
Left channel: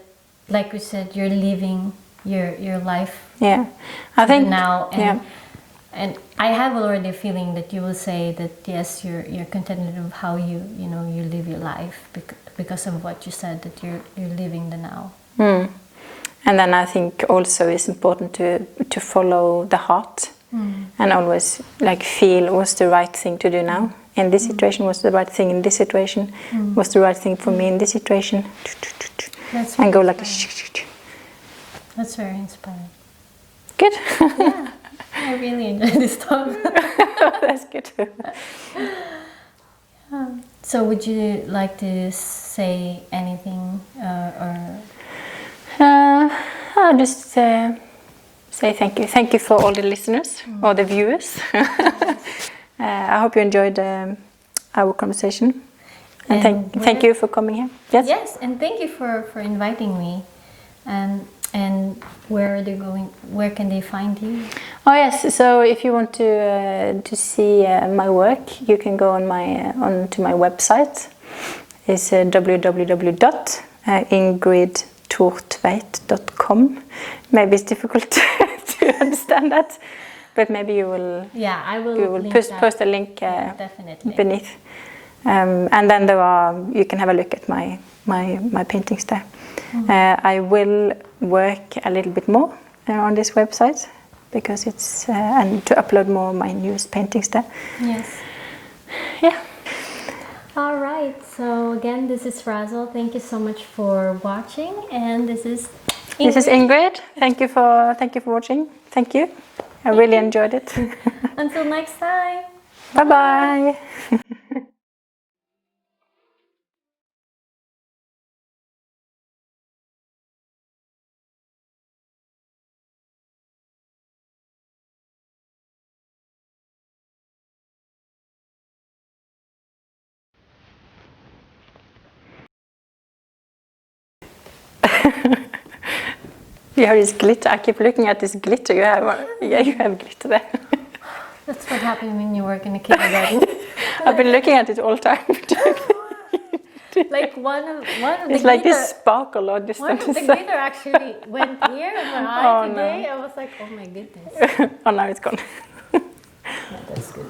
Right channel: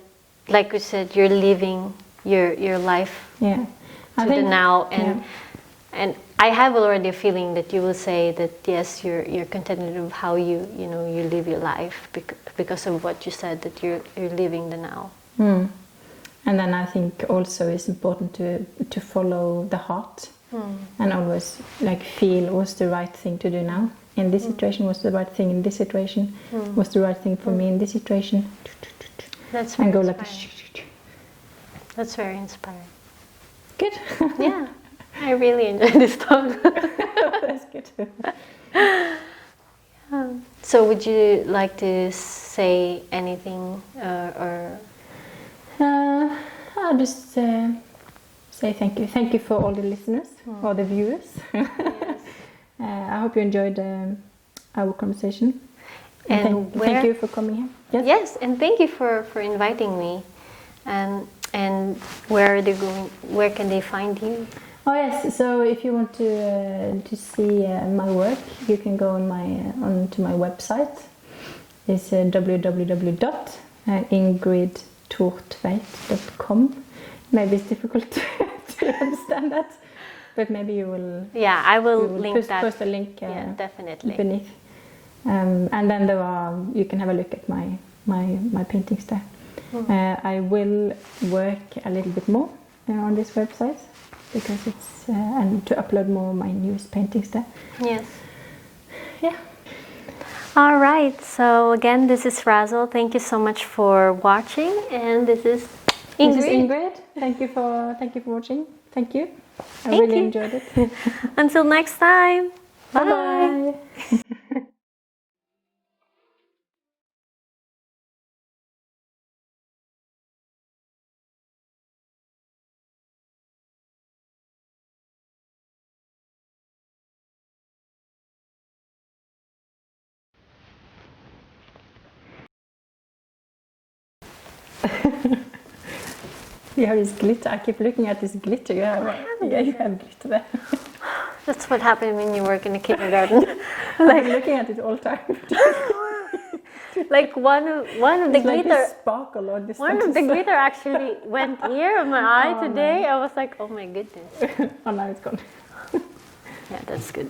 like you said, you're living your life. Yeah, I think now, and I have already a feeling that you will say that yes, you're contented with how you live your life because of what you said, that you're living the now. And then I think also it's important to follow the heart, and always feel what's the right thing to do now. In this situation, what's the right thing in this situation? What's the right thing for me in this situation? And go like a... That's very inspiring. Good. Yeah, I really enjoy this talk. That's good. So would you like to say anything or... I'll just say thank you. Thank you for all the listeners or the viewers. I hope you enjoyed our conversation. And thank you for coming here. Yes. Yes, and thank you for inviting me. And where are they going? Where can they find you? Oh yes. So if you want to see my work, you can go onto my website. It's www.ingridthortveit.com. Maybe it's difficult to understand that, but maybe you will. Yeah, I will post a link definitely beneath, and then you can have a look at my paintings there. I will work a little bit more on this website, because it's and to upload more of my newest paintings there. Yes. Yeah. All right. So again, this is Razzle. Thank you so much for watching, and this is Ingrid. This is Ingrid. Thank you for watching. Thank you. I really enjoyed it. Until next time. Bye bye. You have this glitter. I keep looking at this glitter. You have glitter there. That's what happens when you work in a kindergarten. I've been looking at it all the time. Like one of the glitter. It's like this sparkle or this. One of the glitter actually went here in my eye today. No. I was like, oh my goodness. Oh, now it's gone. Yeah, that's good.